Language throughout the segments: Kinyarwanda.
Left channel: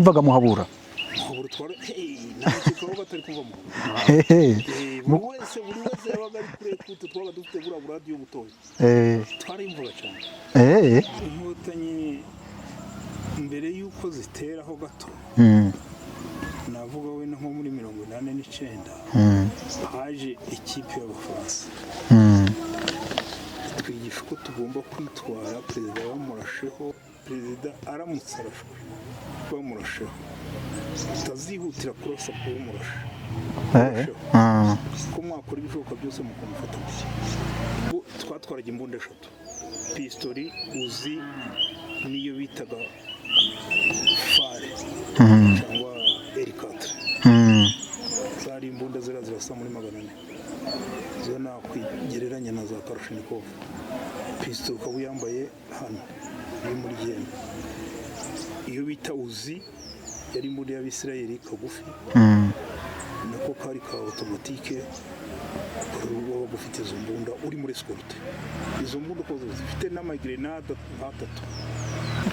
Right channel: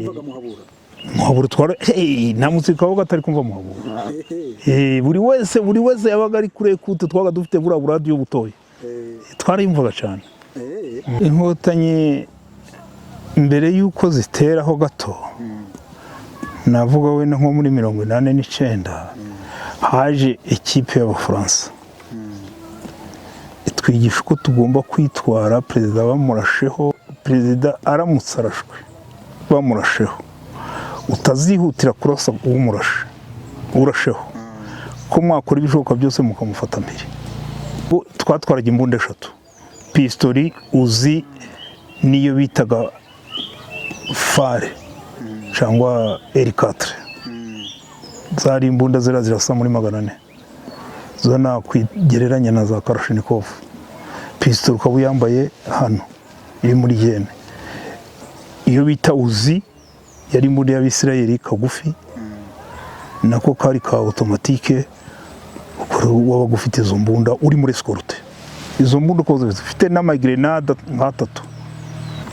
wumvaga muhabura twara nta musirikare wabaga atari kumva muhabura buri wese yabaga ari kure kuto twaga dufite buriya radiyo butoya twarayumvaga cyane inkotanyi mbere y'uko ziteraho gato navuga wenda nko muri 89 haje ikipe y'Abafaransa twigisha uko tugomba kwitwara perezida bamurasheho perezida aramutse arashwe bamurasheho utazihutira kurasa urasheho ko mwakora ibishoboka byose mukamufata mbere twatwaraga imbunda 3 pistori uzi niyo bitaga fare cyangwa R4 zari imbunda zirasa muri 400 zo nakwigereranya na za Kalashnikov pistol ukaba uyambaye hano iri muri jene iyo bita uzi yari imbunda y'Abisirayeli kagufi nako kari ka automatique waba gufite izo mbunda uri muri escorte izo mbunda ko zifite n'amagrenade nk'atatu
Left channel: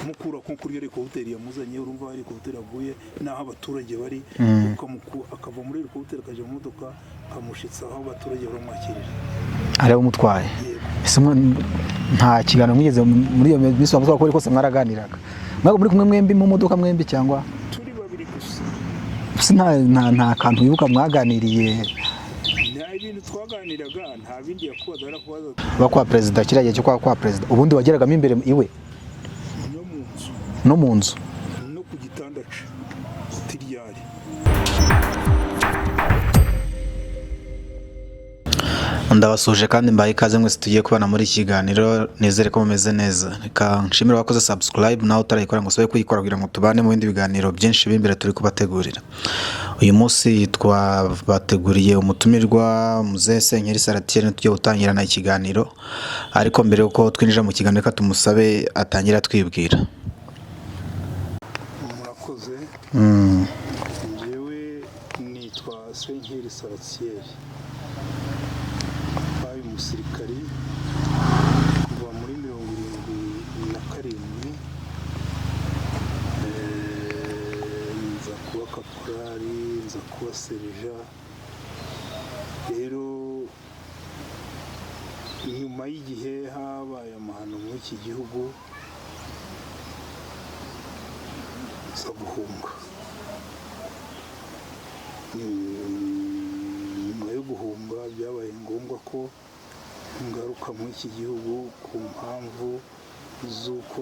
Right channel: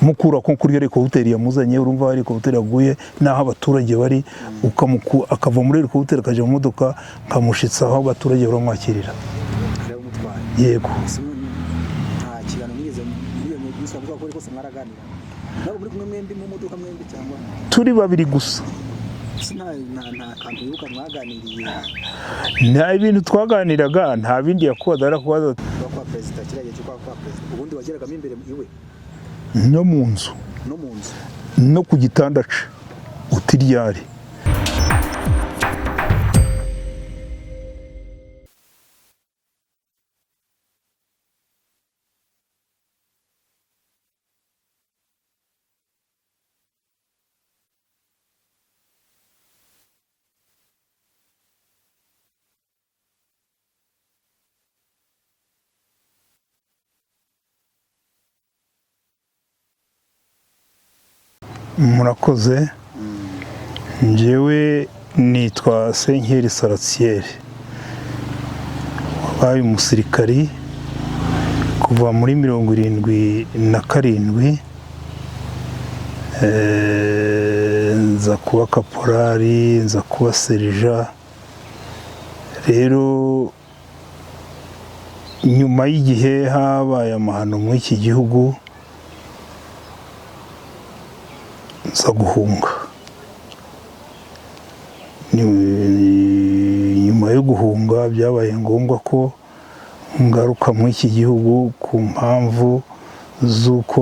mukura ko kuri helicopter yamuzanye urumva helicopter yaguye naho abaturage bari akava muri helicopter akaje mu modoka kamushitsa aho abaturage baramwakirira areba umutwaye yego nta kiganiro mwigeze muri iyo biso bavuga ko ariko se mwaraganiraga ntabwo muri kumwe mwembi mu modoka mwembi cyangwa turi babiri gusa nta kantu yibuka mwaganiriye nta ibintu twaganiraga nta bindi yakoda arakubaza bakwa president kiragiye cyo kwa president ubundi wageragamo imbere iwe no mu nzu no ku gitanda ce utiryari ndabasuje kandi mbaye ikaze mwese tugiye kubana muri kiganiro nizere ko mumeze neza reka nshimira abakoze subscribe nawe utarayikora ngo usabe kuyikora kugira ngo tubane mu bindi biganiro byinshi b'imbere turi kubategurira uyu munsi twabateguriye umutumirwa Muzehe Senkeri Salatiel tugiye gutangirana ikiganiro ariko mbere yuko twinjira mu kiganiro reka tumusabe atangira twibwira murakoze njyewe nitwa Senkeri Salatiel wabaye umusirikari kuva muri 77 nza kuba kaporari nza kuba serija rero nyuma y'igihe habaye amahano muri iki gihugu nza guhunga nyuma yo guhunga byabaye ngombwa ko ngaruka muri iki gihugu ku mpamvu z'uko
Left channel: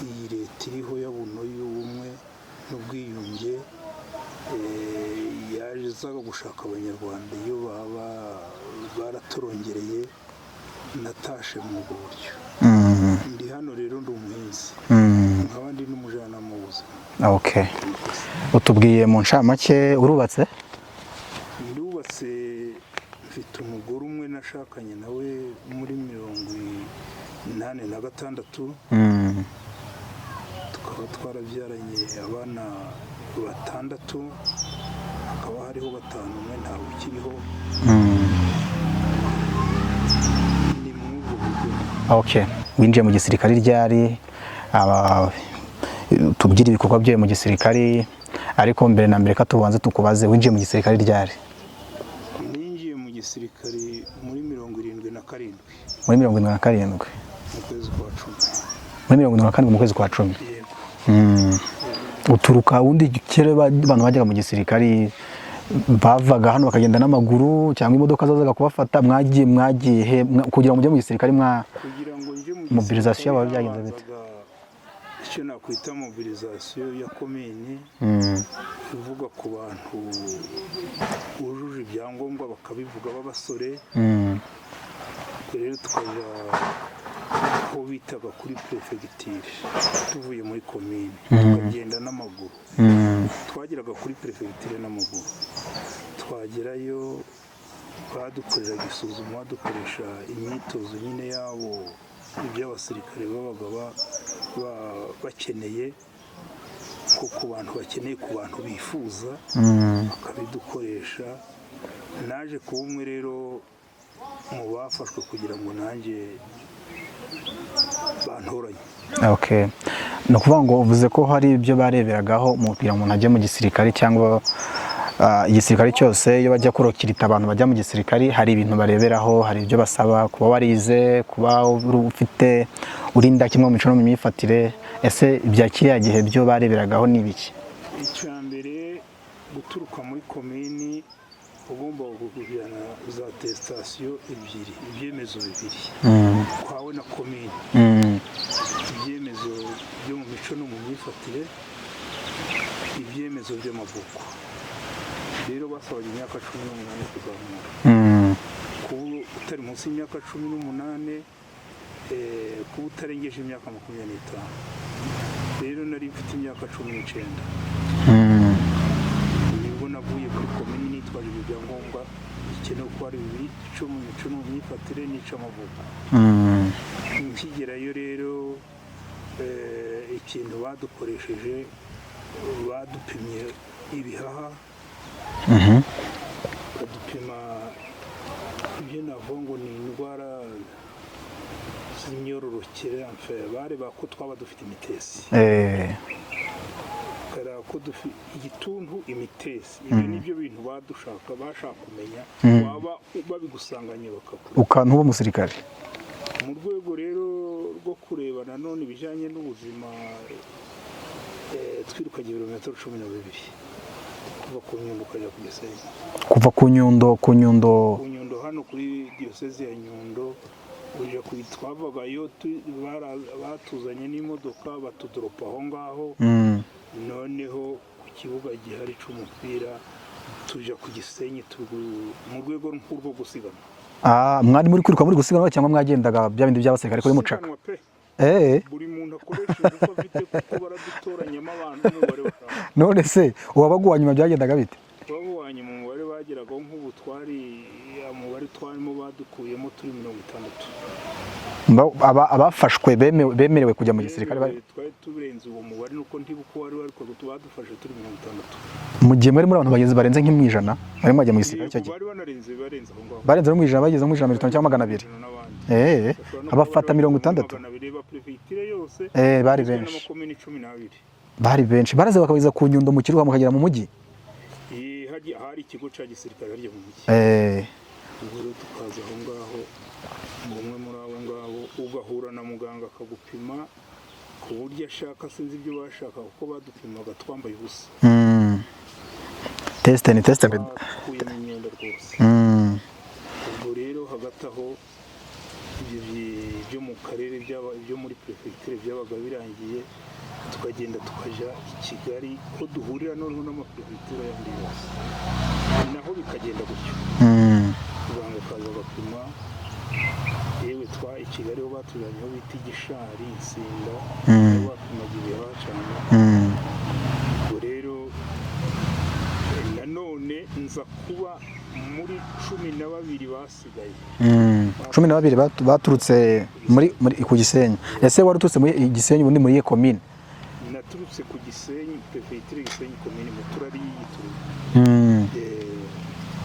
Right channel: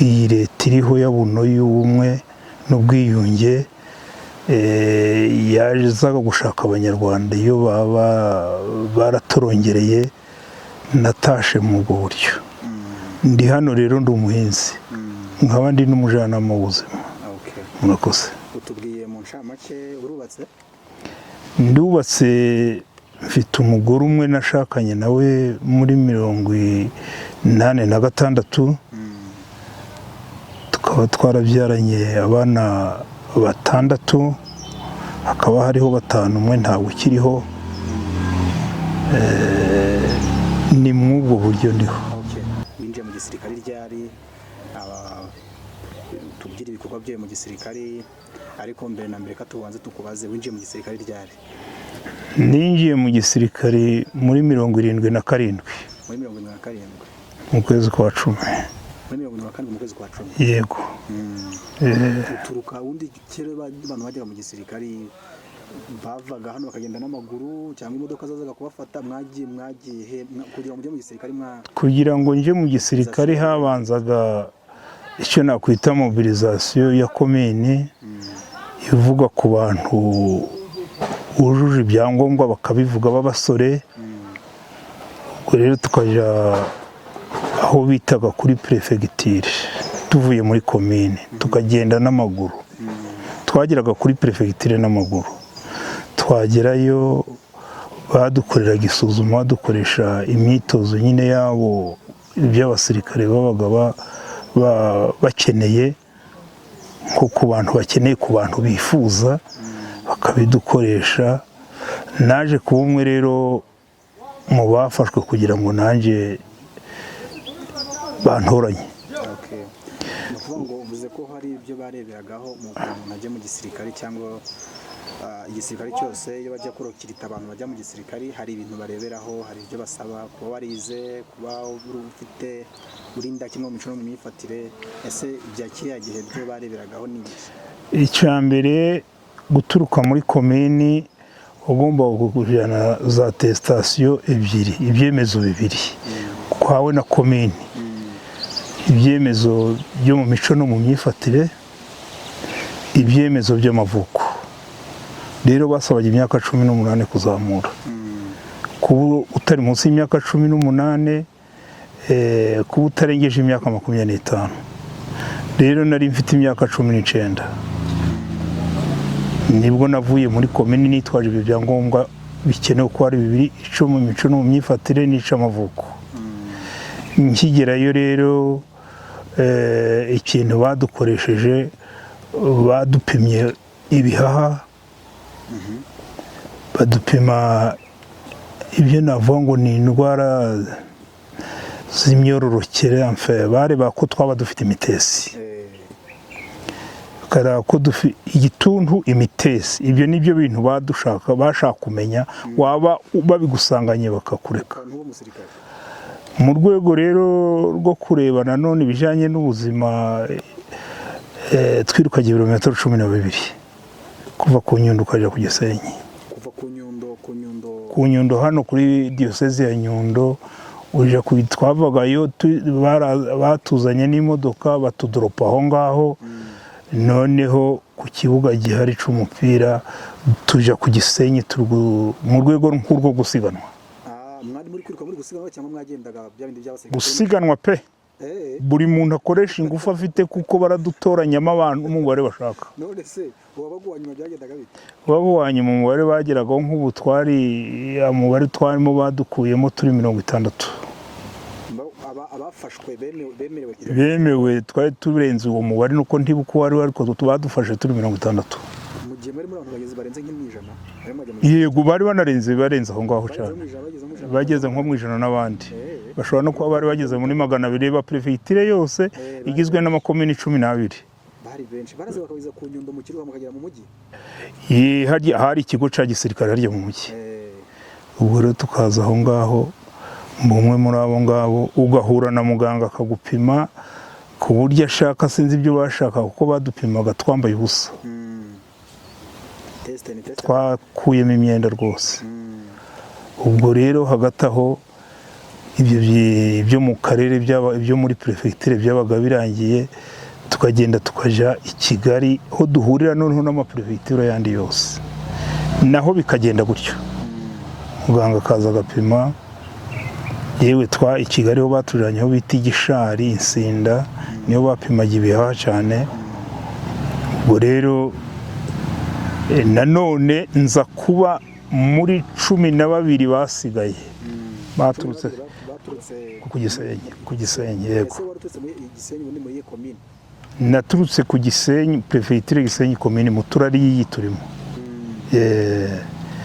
iyi leta iriho yabuno y'ubumwe n'ubwiyunge yazaga gushaka abanyarwanda iyo baba baratorongereye natashe mu ubwo buryo ndi hano rero ndi umuhinzi nkaba ndi n'umujyanama w'ubuzima murakoze utubwiye mu ncamake urubatse ndubatse mfite umugore umwe nashakanye nawe muri 86 tukaba twarabyaranye abana 6 hakaba hariho 5 umwe ntabwo ukiriho ni mw'ubwo buryo ndiho winjiye mu gisirikare ryari tubyira ibikorwa byawe mu gisirikare ariko mbere na mbere katubanze tukubaze winjiye mu gisirikare ryari ninjiye mu gisirikare muri 77 muri 77 mu kwezi kwa 10 muri 77 mu kwezi kwa 10 yego uturuka undi kere abantu bajyaga mu gisirikare bavaga hano bakagenda n'amaguru cyangwa imodoka zazaga kubafata mwagiye kugira ngo mujye mu gisirikare kugira ngo nje mu gisirikare habanzaga icyo nakwita mobilisation ya komine ivuga ku bantu ujuje ibyangombwa bakabivuga b'abasore ubwo rero tukajya aho bitaga kuri prefecture tuvuye muri komine tukagenda n'amaguru twageraga kuri prefecture n'amaguru twagerayo badukoreraga isuzuma dukoresha imyitozo nyine yabo iby'abasirikare babaga bakeneye nko ku bantu bakeneye ku bantu bifuza bakabidukoresha naje kuba umwe rero mu bafashwe kugira ngo nanjye bantoranye ni ukuvuga ngo uvuze ko hari ibyo bareberagaho mu kugira ngo umuntu ajye mu gisirikare cyangwa igisirikare cyose iyo bajya kurokirita abantu bajya mu gisirikare hari ibintu bareberaho, hari ibyo basaba, kuba warize, kuba ufite urinda kimwe mu mico no mu myifatire. Ese ibya kiriya gihe byo bareberagaho ni ibiki? Icya mbere guturuka muri komini ugomba kujyana za atesitasiyo ebyiri, ibyemezo bibiri kwawe na komini, ibyemezo byo mu mico no mu myifatire, ibyemezo by'amavuko. Rero basabaga imyaka 18 kuzamura. Kuba utari munsi y'imyaka 18, kuba utarengeje imyaka 25. Rero nari mfite imyaka 19. Nibwo navuye muri komini nitwaje ibyo byangombwa bikenewe ko ari bibiri, ico mu mico no mu myifatire n'icamavuko. Nkigerayo rero ikintu badukoresheje, badupimye ibihaha, badupima ibyo navuga ngo ni indwara z'imyororokere, bareba ko twaba dufite imitesi, bakareba ko dufite igituntu, imitesi. Ibyo nibyo bintu bashaka kumenya, waba babigusanganye bakakureka ukantu b'umusirikare. Mu rwego rero rwo kureba nanone ibijyanye n'ubuzima, twirukanye ibirometero 12 kuva ku Nyundo ukajya ku Gisenyi. Kuva ku Nyundo hano kuri diyoseze ya Nyundo uje twavagayo, batuzanye n'imodoka batudoropa aho ngaho. Noneho ku kibuga gihari cy'umupira tujya ku Gisenyi mu rwego rwo gusiganwa. Mwari muri kwiruka muri gusiganwa cyangwa mwagendaga bya bindi by'abasirikare? Gusiganwa pe. Buri muntu akoresha ingufu afite kuko baradutoranyamo abantu umubare bashaka. None se uwabaguwa nyuma byagendaga bite? Wabonye mu mubare bageragaho nk'ubu umubare twarimo badukuyemo turi 60. Abafashwe bemerewe kujya mu gisirikare? Bemerewe, twari turenze uwo mubare nuko ntibuko wari ariko badufashe turi 60. Mu gihe muri abantu bageze barenze nk'imwijana bari mwajya mu gisirikare? Yego, bari barenze aho ngaho. Barenze mu ijana, bageze mu ijana, n'abandi bashobora no kuba bari bageze muri 200. Ba prefecture yose igizwe n'amakomini 12. Bari benshi. Baraze bakabiza ku Nyundo mu Kiruha mukagera mu mujyi? Hari ikigo cya gisirikare harya mu mujyi. Ubwo rero tukaza aho ngaho, umwe muri abo ngabo ugahura na muganga akagupima ku buryo ashaka, sinzi ibyo bashaka kuko badupimaga twambaye ubusa. Teste twakuyemo imyenda rwose. Ubwo rero hagati aho ibyo mu karere ibyo muri prefecture byabaga birangiye, tukagenda tukajya i Kigali aho duhurira noneho n'amaprefecture yandi yose, naho bikagenda gutyo. Muganga akaza agapima, yewe i Kigali ho baturanyeho bita Igishari, Insinda, niho bapimaga ibihaha cyane. Ubwo rero nanone nza kuba muri 12 basigaye. 12 baturutse ku Gisenyi. Ese wari uturutse muri Gisenyi ubundi muri komine? Naturutse ku Gisenyi, prefecture Gisenyi komine Mutura ari yiturimo.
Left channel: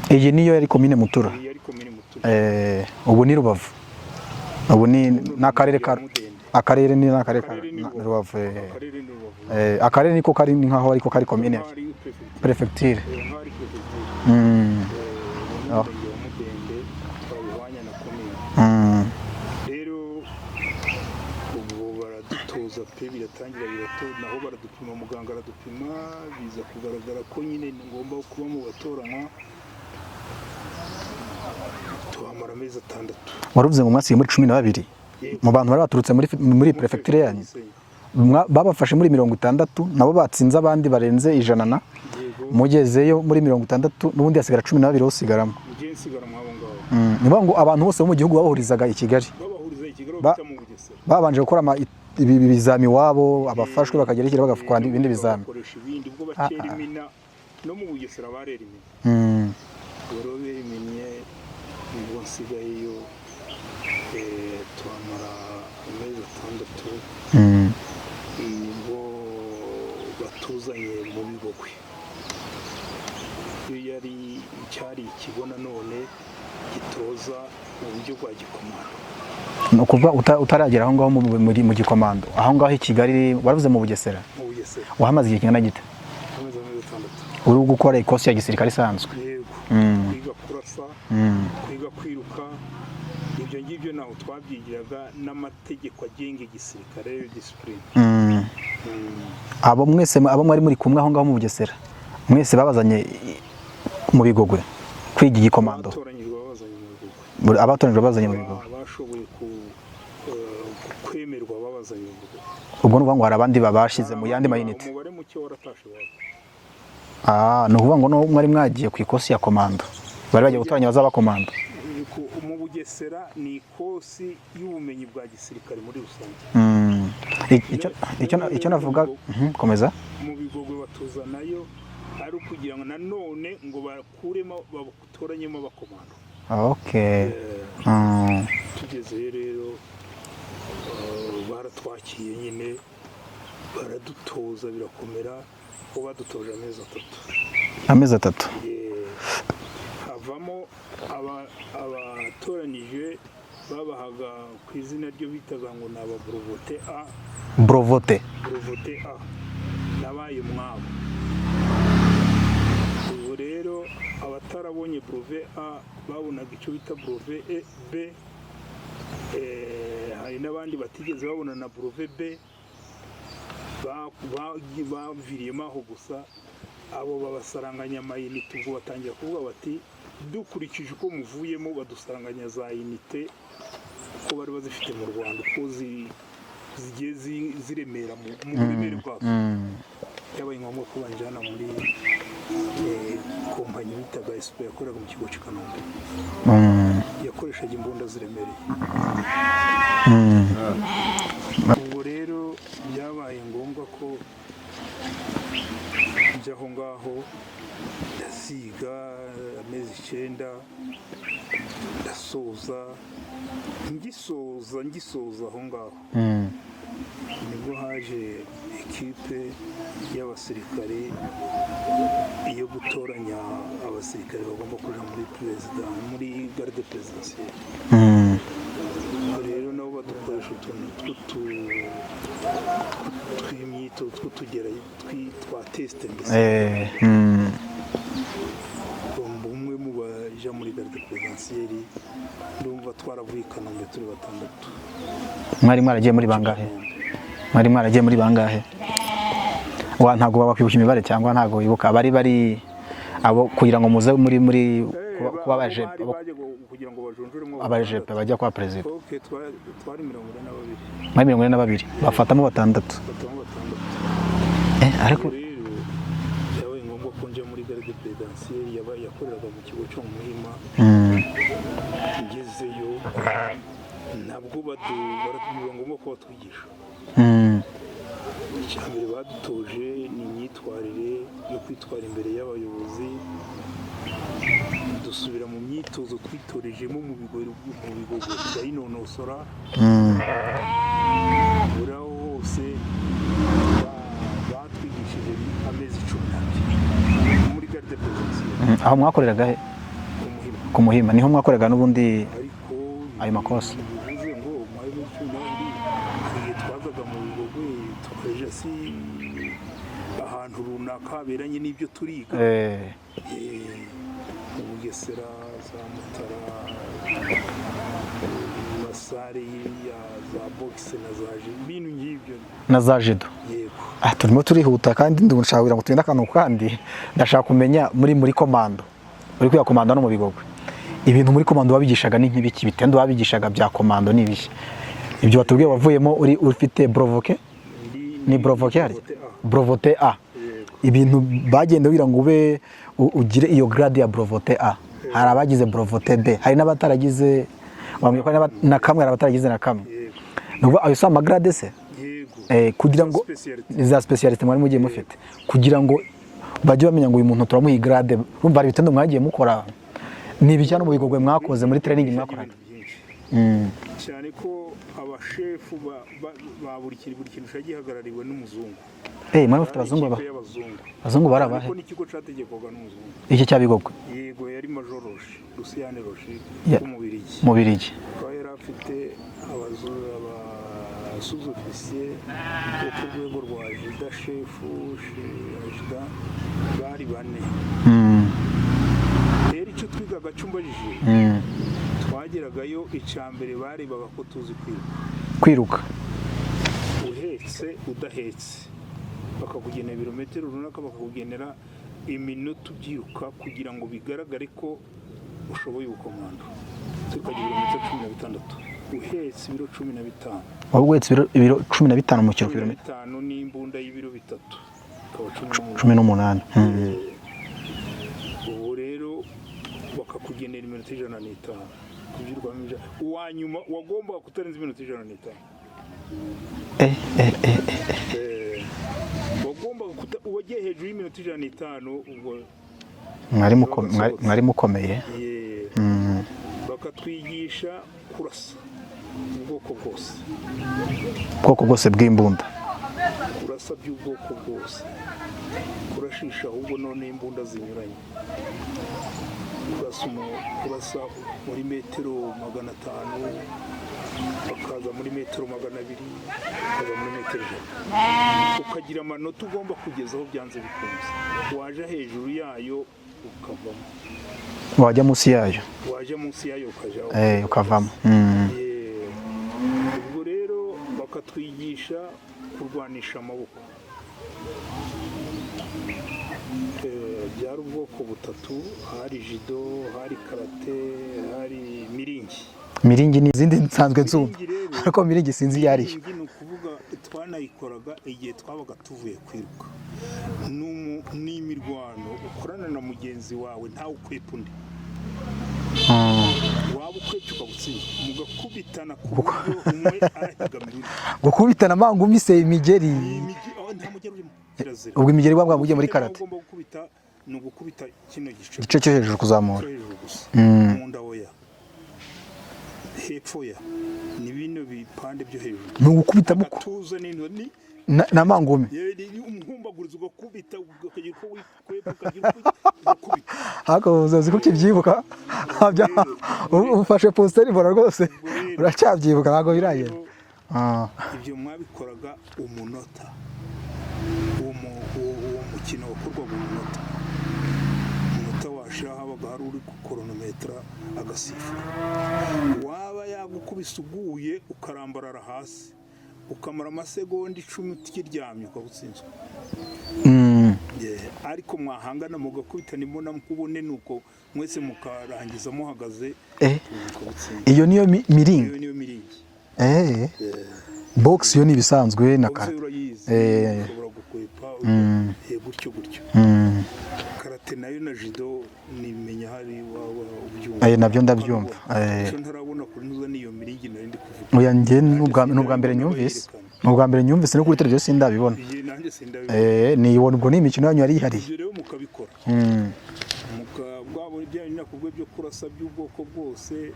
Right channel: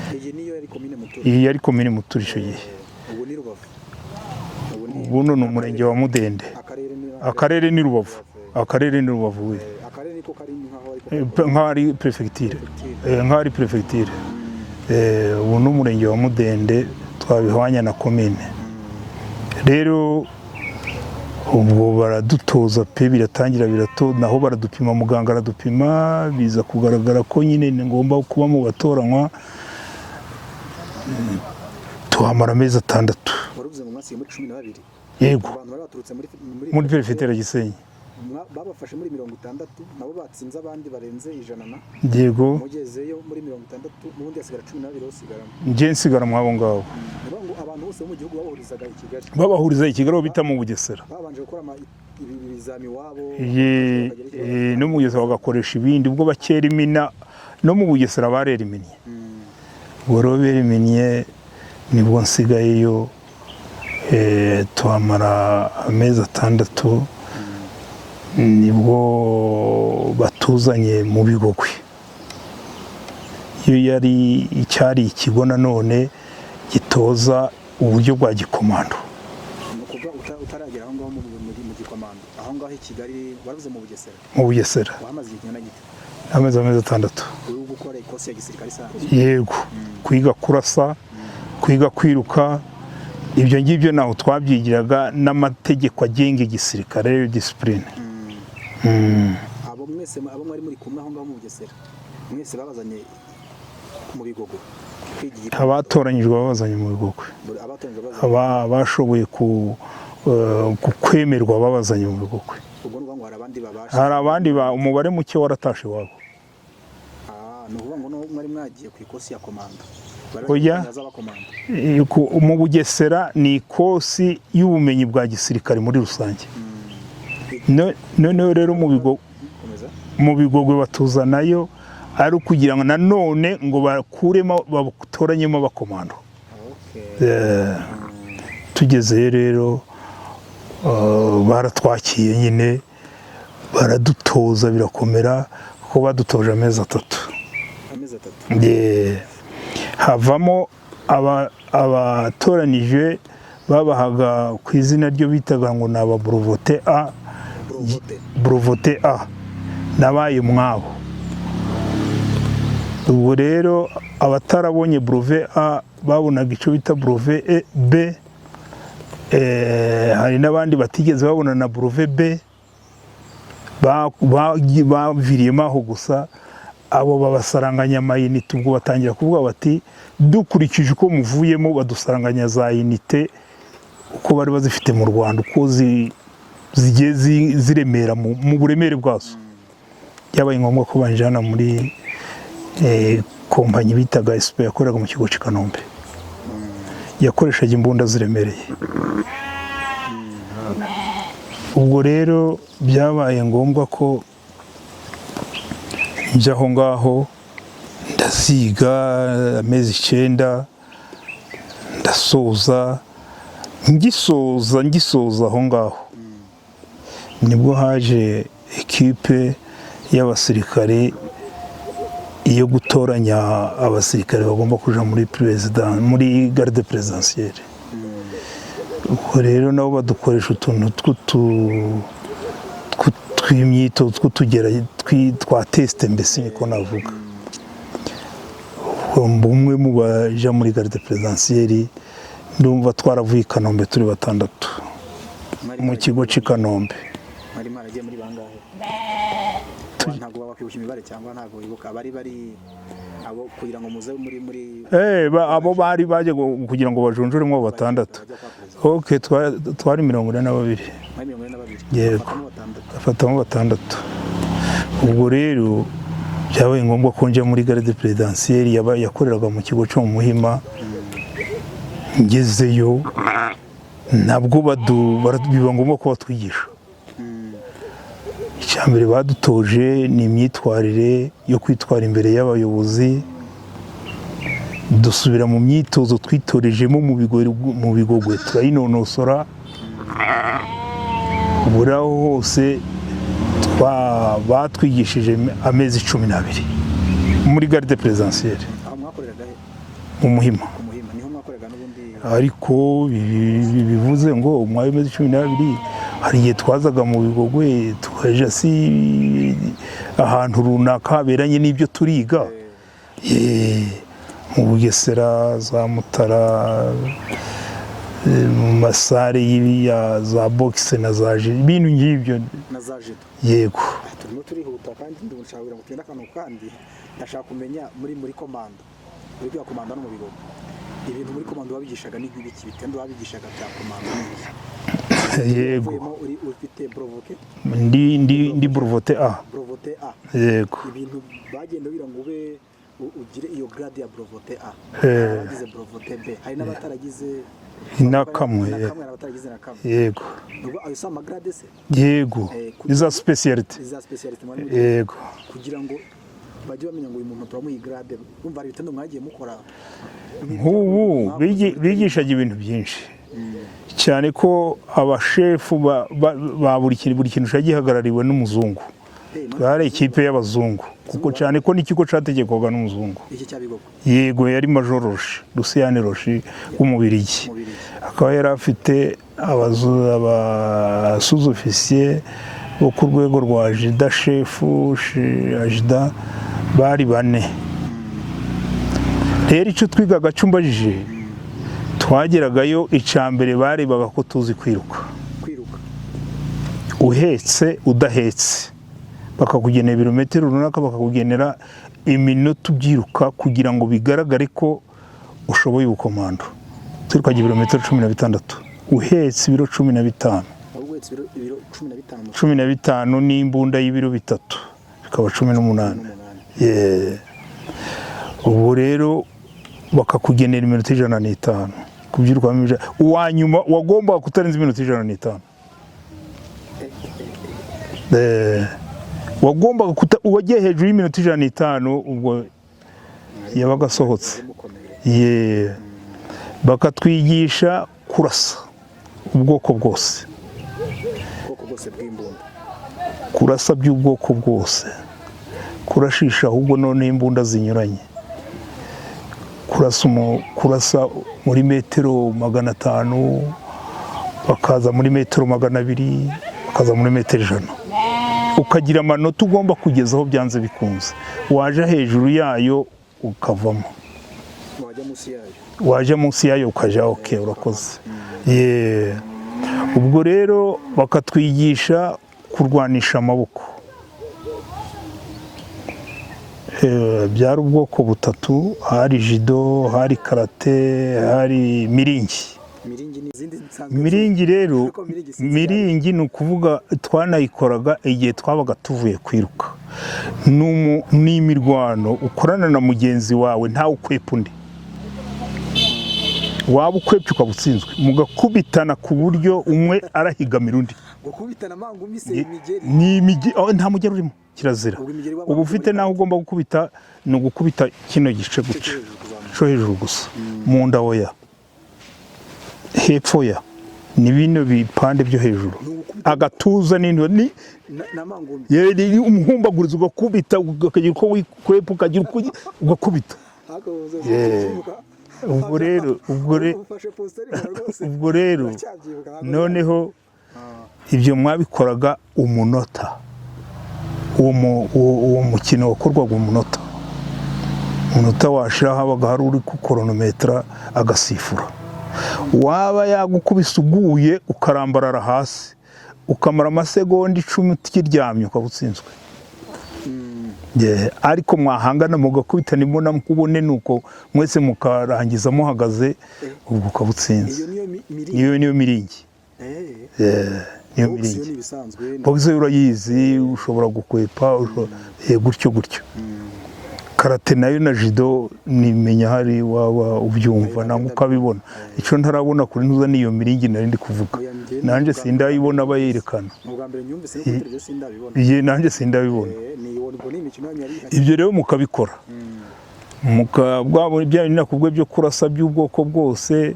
Iyi niyo yari komine Mutura? Iyi yari komine Mutura. Ubu ni Rubavu? Ubu ni akarere ka Mudende. Akarere ni Rubavu. Akarere ni Rubavu. Akarere niko kari nkaho ariko kari komine. Nk'ari prefecture. Nk'ari prefecture. Ubu n'umurenge wa Mudende twabihwanya na komine. Rero ubwo baradutoza pe, biratangira naho baradupima, muganga aradupima, biza kugaragara ko nyine ngomba kuba mu batoranywa. Tuhamara amezi 6. Waruvuze ngo mwasiye muri 12? Yego. Mu bantu bari baturutse muri prefecture Gisenyi. Babafashe muri 60, nabo batsinze abandi barenze 100. Yego. Mugezeyo muri 60 n'ubundi hasigara 12 usigaramo. Nje nsigaramo abo ngabo. Niba ngo abantu bose bo mu gihugu babahurizaga i Kigali? Babahuriza i Kigali bita mu Bugesera. Babanje gukora ibizami wabo, abafashwe bakagerekera bagafukwa n'ibindi bizami. Bakoresha ibindi ubwo bakera imina no mu Bugesera barera iminnye. Boro beriminnye nibwo nsigayeyo, tuhamara amezi 6. Nibwo batuzanye mu Bigogwe. Iyo cyari ikigo nanone gitoza uburyo bwa gikomando. ni ukuvuga utaragera aho ngaho mu gikomando aho ngaho i Kigali waravuze mu Bugesera. Mu Bugesera wahamaze igihe kingana gite? amezi 6 uri gukora ikosi ya gisirikare isanzwe? Yego, kwiga kurasa, kwiga kwiruka, ibyo ngibyo naho twabyigiraga n'amategeko agenga igisirikare, discipline. Abo mwese abo mwari muri kumwe aho ngaho mu Bugesera mwese babazanye mu Bigogwe kwiga igikomando? Abatoranyijwe babazanye mu Bigogwe. Abatoranyijwe babazanye bashoboye kwemerwa babazanye mu Bigogwe. Ubwo nuvuga ngo hari abandi babashize? Hari abandi umubare muke waratashe wabo. Ni ukuvuga ngo mwari mwagiye ku ikosi ya komando, bari bagiye gutoranya bazaba komando? Mu Bugesera ni ikosi y'ubumenyi bwa gisirikare muri rusange. None rero mu Bigogwe batuzanayo ari ukugira ngo nanone ngo bakuremo batoranyemo abakomando. Tugezeyo rero baratwakiye nyine baradutoza birakomera kuko badutoje amezi 3. Amezi 3? Havamo abatoranije babahaga ku izina ryo bitaga ngo ni aba Breveté A. Breveté A nabaye mwabo. Ubwo rero abatarabonye Brevet A babonaga icyo bita Brevet B. Hari n'abandi batigeze babona na Brevet B, baviriyemo aho gusa. Abo babasaranganya amayinite, ubwo batangira kuvuga bati dukurikije uko muvuyemo badusaranganya za inite uko bari bazifite mu Rwanda, uko zigiye ziremera mu buremere bwazo. Yabaye ngombwa ko banjana muri kompanyi bitaga SP yakoraga mu kigo cy'i Kanombe. Yakoreshaga imbunda ziremereye. Ubwo rero byabaye ngombwa ko njya aho ngaho ndaziga amezi 9, ndasoza. Ngisoza aho ngaho nibwo haje ekipe y'abasirikare iyo gutoranya abasirikare bagomba kuja muri garde présidentielle. Ubwo rero nabo badukoresha utuntu tw'imyitozo tw'utugera twa test mbese uko navuga. Umwe mu baja muri garde présidentielle ndumva twaravuye i Kanombe turi 6. Mwari mwaragiye muri Kanombe? Mwari mwaragiye muri bangahe? Ntabwo babakwibuka imibare cyangwa ntabwo wibuka bari abo kugira ngo muze muri abo bari baje kugira ngo bajonjoremo 6 bajya kwa president? Twari 42. Mwari 42 bafatamo 6. Ubwo rero byabaye ngombwa ko njya muri garde présidentielle yakoreraga mu kigo cyo mu Muhima. Ngezeyo nabwo biba ngombwa ko batwigisha. Icyambere badutoje ni imyitwarire yo kwitwara imbere y'abayobozi. Dusubira mu myitozo twitorejemo mu Bigogwe turayinonosora. Buraho hose batwigishije amezi 12 muri garde présidentielle. Aho mwakoreraga he? Mu Muhima. Ku Muhima niho mwakoreraga n'ubundi? Ariko bivuze ngo umwanya amezi 12 hari igihe twazaga mu Bigogwe tukaja ahantu runaka haberanye n'ibyo turiga. Mu Bugesera, za Mutara, mu masare ya za boxe na za jido, ibintu ngibyo na za jido. Yego. Turimo turihuta kandi ndashaka ngo tugenda akantu kandi ndashaka kumenya muri komando. Uri kwiga komando no mu Bigogwe. Ibintu muri komando babigishaga ni nk'ibiki? Bitendo babigishaga bya komando ni ibiki? Ibyo batubwiye wavuyemo ufite Breveté? Ndi Breveté A. Breveté A. Yego. Ibintu bagenda bira ngo ube ugire iyo grade ya Breveté A. Hari abagize Breveté B, hari n'abataragize na kamwe, abataragize na kamwe. Yego. Nuko ayo sama grade se? Yego. Za speciality. Za speciality mwari mugiye. Yego. Kugira ngo bajye bamenya ngo uyu muntu turamuha grade. Urumva ari bitendo mwagiye mukora n'ibijyana mu Bigogwe mwakoze muri training? Bigishaga ibintu byinshi. Cyane ko abashefu ba buri kintu cyagihagarariwe n'umuzungu. Bari ikipe y'abazungu. Cyane ko n'ikigo cyategekwaga n'umuzungu. Iki cya Bigogwe? Yego, yari Major Roche, Luciane Roche w'Umubirigi. Mubirigi. Akaba yari afite abasuzofisiye bo ku rwego rwa ajida shefu ajida bari 4. rero icyo twigaga cyumbajije twageragayo icambere barebaga ko tuzi kwiruka uhetse udahetse, bakakugenera ibirometero runaka, bakakugenera iminota ubyiruka kugira ngo bigaragare ko ushoboye ubukomando. Twirukaga ibirometero 16 uhetse ibiro 15. uhetse ibiro 15 mu 15 n'imbunda y'ibiro 3 bikaba 18. Ubu rero bakakugenera iminota 105 kubyiruka uwa nyuma wagomba kutarenza iminota 105. Wagombaga uwagiye hejuru y'iminota 105 ubwo mwari mukomeye. Bakatwigisha kurasa ubwoko bwose bw'imbunda, kurasa by'ubwoko bwose, kurashisha ahubwo none imbunda zinyuranye, kurasa muri metero 500, bakaza muri metero 200, bakaza muri metero 100. Ukagira amanota ugomba kugezaho byanze bikunze. Waje hejuru yayo ukavamo, wajya munsi yayo ukajaho ukavamo. Ubwo rero bakatwigisha kurwanisha amaboko. Byari ubwoko 3, hari judo, hari karate, hari miringi. Miringi ni izindi nsanzwe nzu. Miringi rero, miringi ni ukuvuga twanayikoraga igihe twabaga tuvuye kwiruka. Ni imirwano ukorana na mugenzi wawe ntawe ukwepa undi. Waba ukwepye ukabutsinzwe, mugakubitana ku buryo umwe arahigamira undi. Gukubitana mangumi se imigeri? Ni imigeri, nta mugeri urimo, kirazira. Ubwo imigeri bwa ufite muri nawe ugomba gukubita, ni ugukubita kino gice cyo hejuru kuzamuka. Cyo hejuru gusa. Mu nda oya. Hepfo ya ni bino bipande byo hejuru. Nugukubita agatuza ni na mangumi. Yeri umuhumbaguriza ugakubita ukagira uko wikwepa ukagira uko ugakubita. Hako uzazi ukibyibuka. Ufashe poster ibora rwose. Uracyabyibuka ntago noneho ibyo mwabikoraga umunota. Uwo mukino wakorwaga umunota. Umunota washira habaga hari uri ku kronometra agasifura. Waba yagukubise uguye ukarambarara hasi ukamara amasegonda 10 ukiryamye ukabutsinzwe. Ariko mwahangana mugakubitana imbona mukubone nuko mwese mukarangiza muhagaze ukabutsinze. Iyo niyo miringi. Iyo niyo miringi. Box yo ni bisanzwe na box urayizi ushobora gukwepa gutyo. Karate nayo na judo nimenya hari waba ubyumva ukabibona. Ico ntarabona kuri ntuza niyo miringi nari ndi kuvuga. Oya nge ndabibona bayerekana. Ubwa mbere nyumvise no kuri televiziyo sindabibona. Nanjye sindabibona. Niyibona ubwo ni imikino yanyu yari hari. Ibyo rero mukabikora. Bwabo ibyo nakubwe byo kurasa by'ubwoko bwose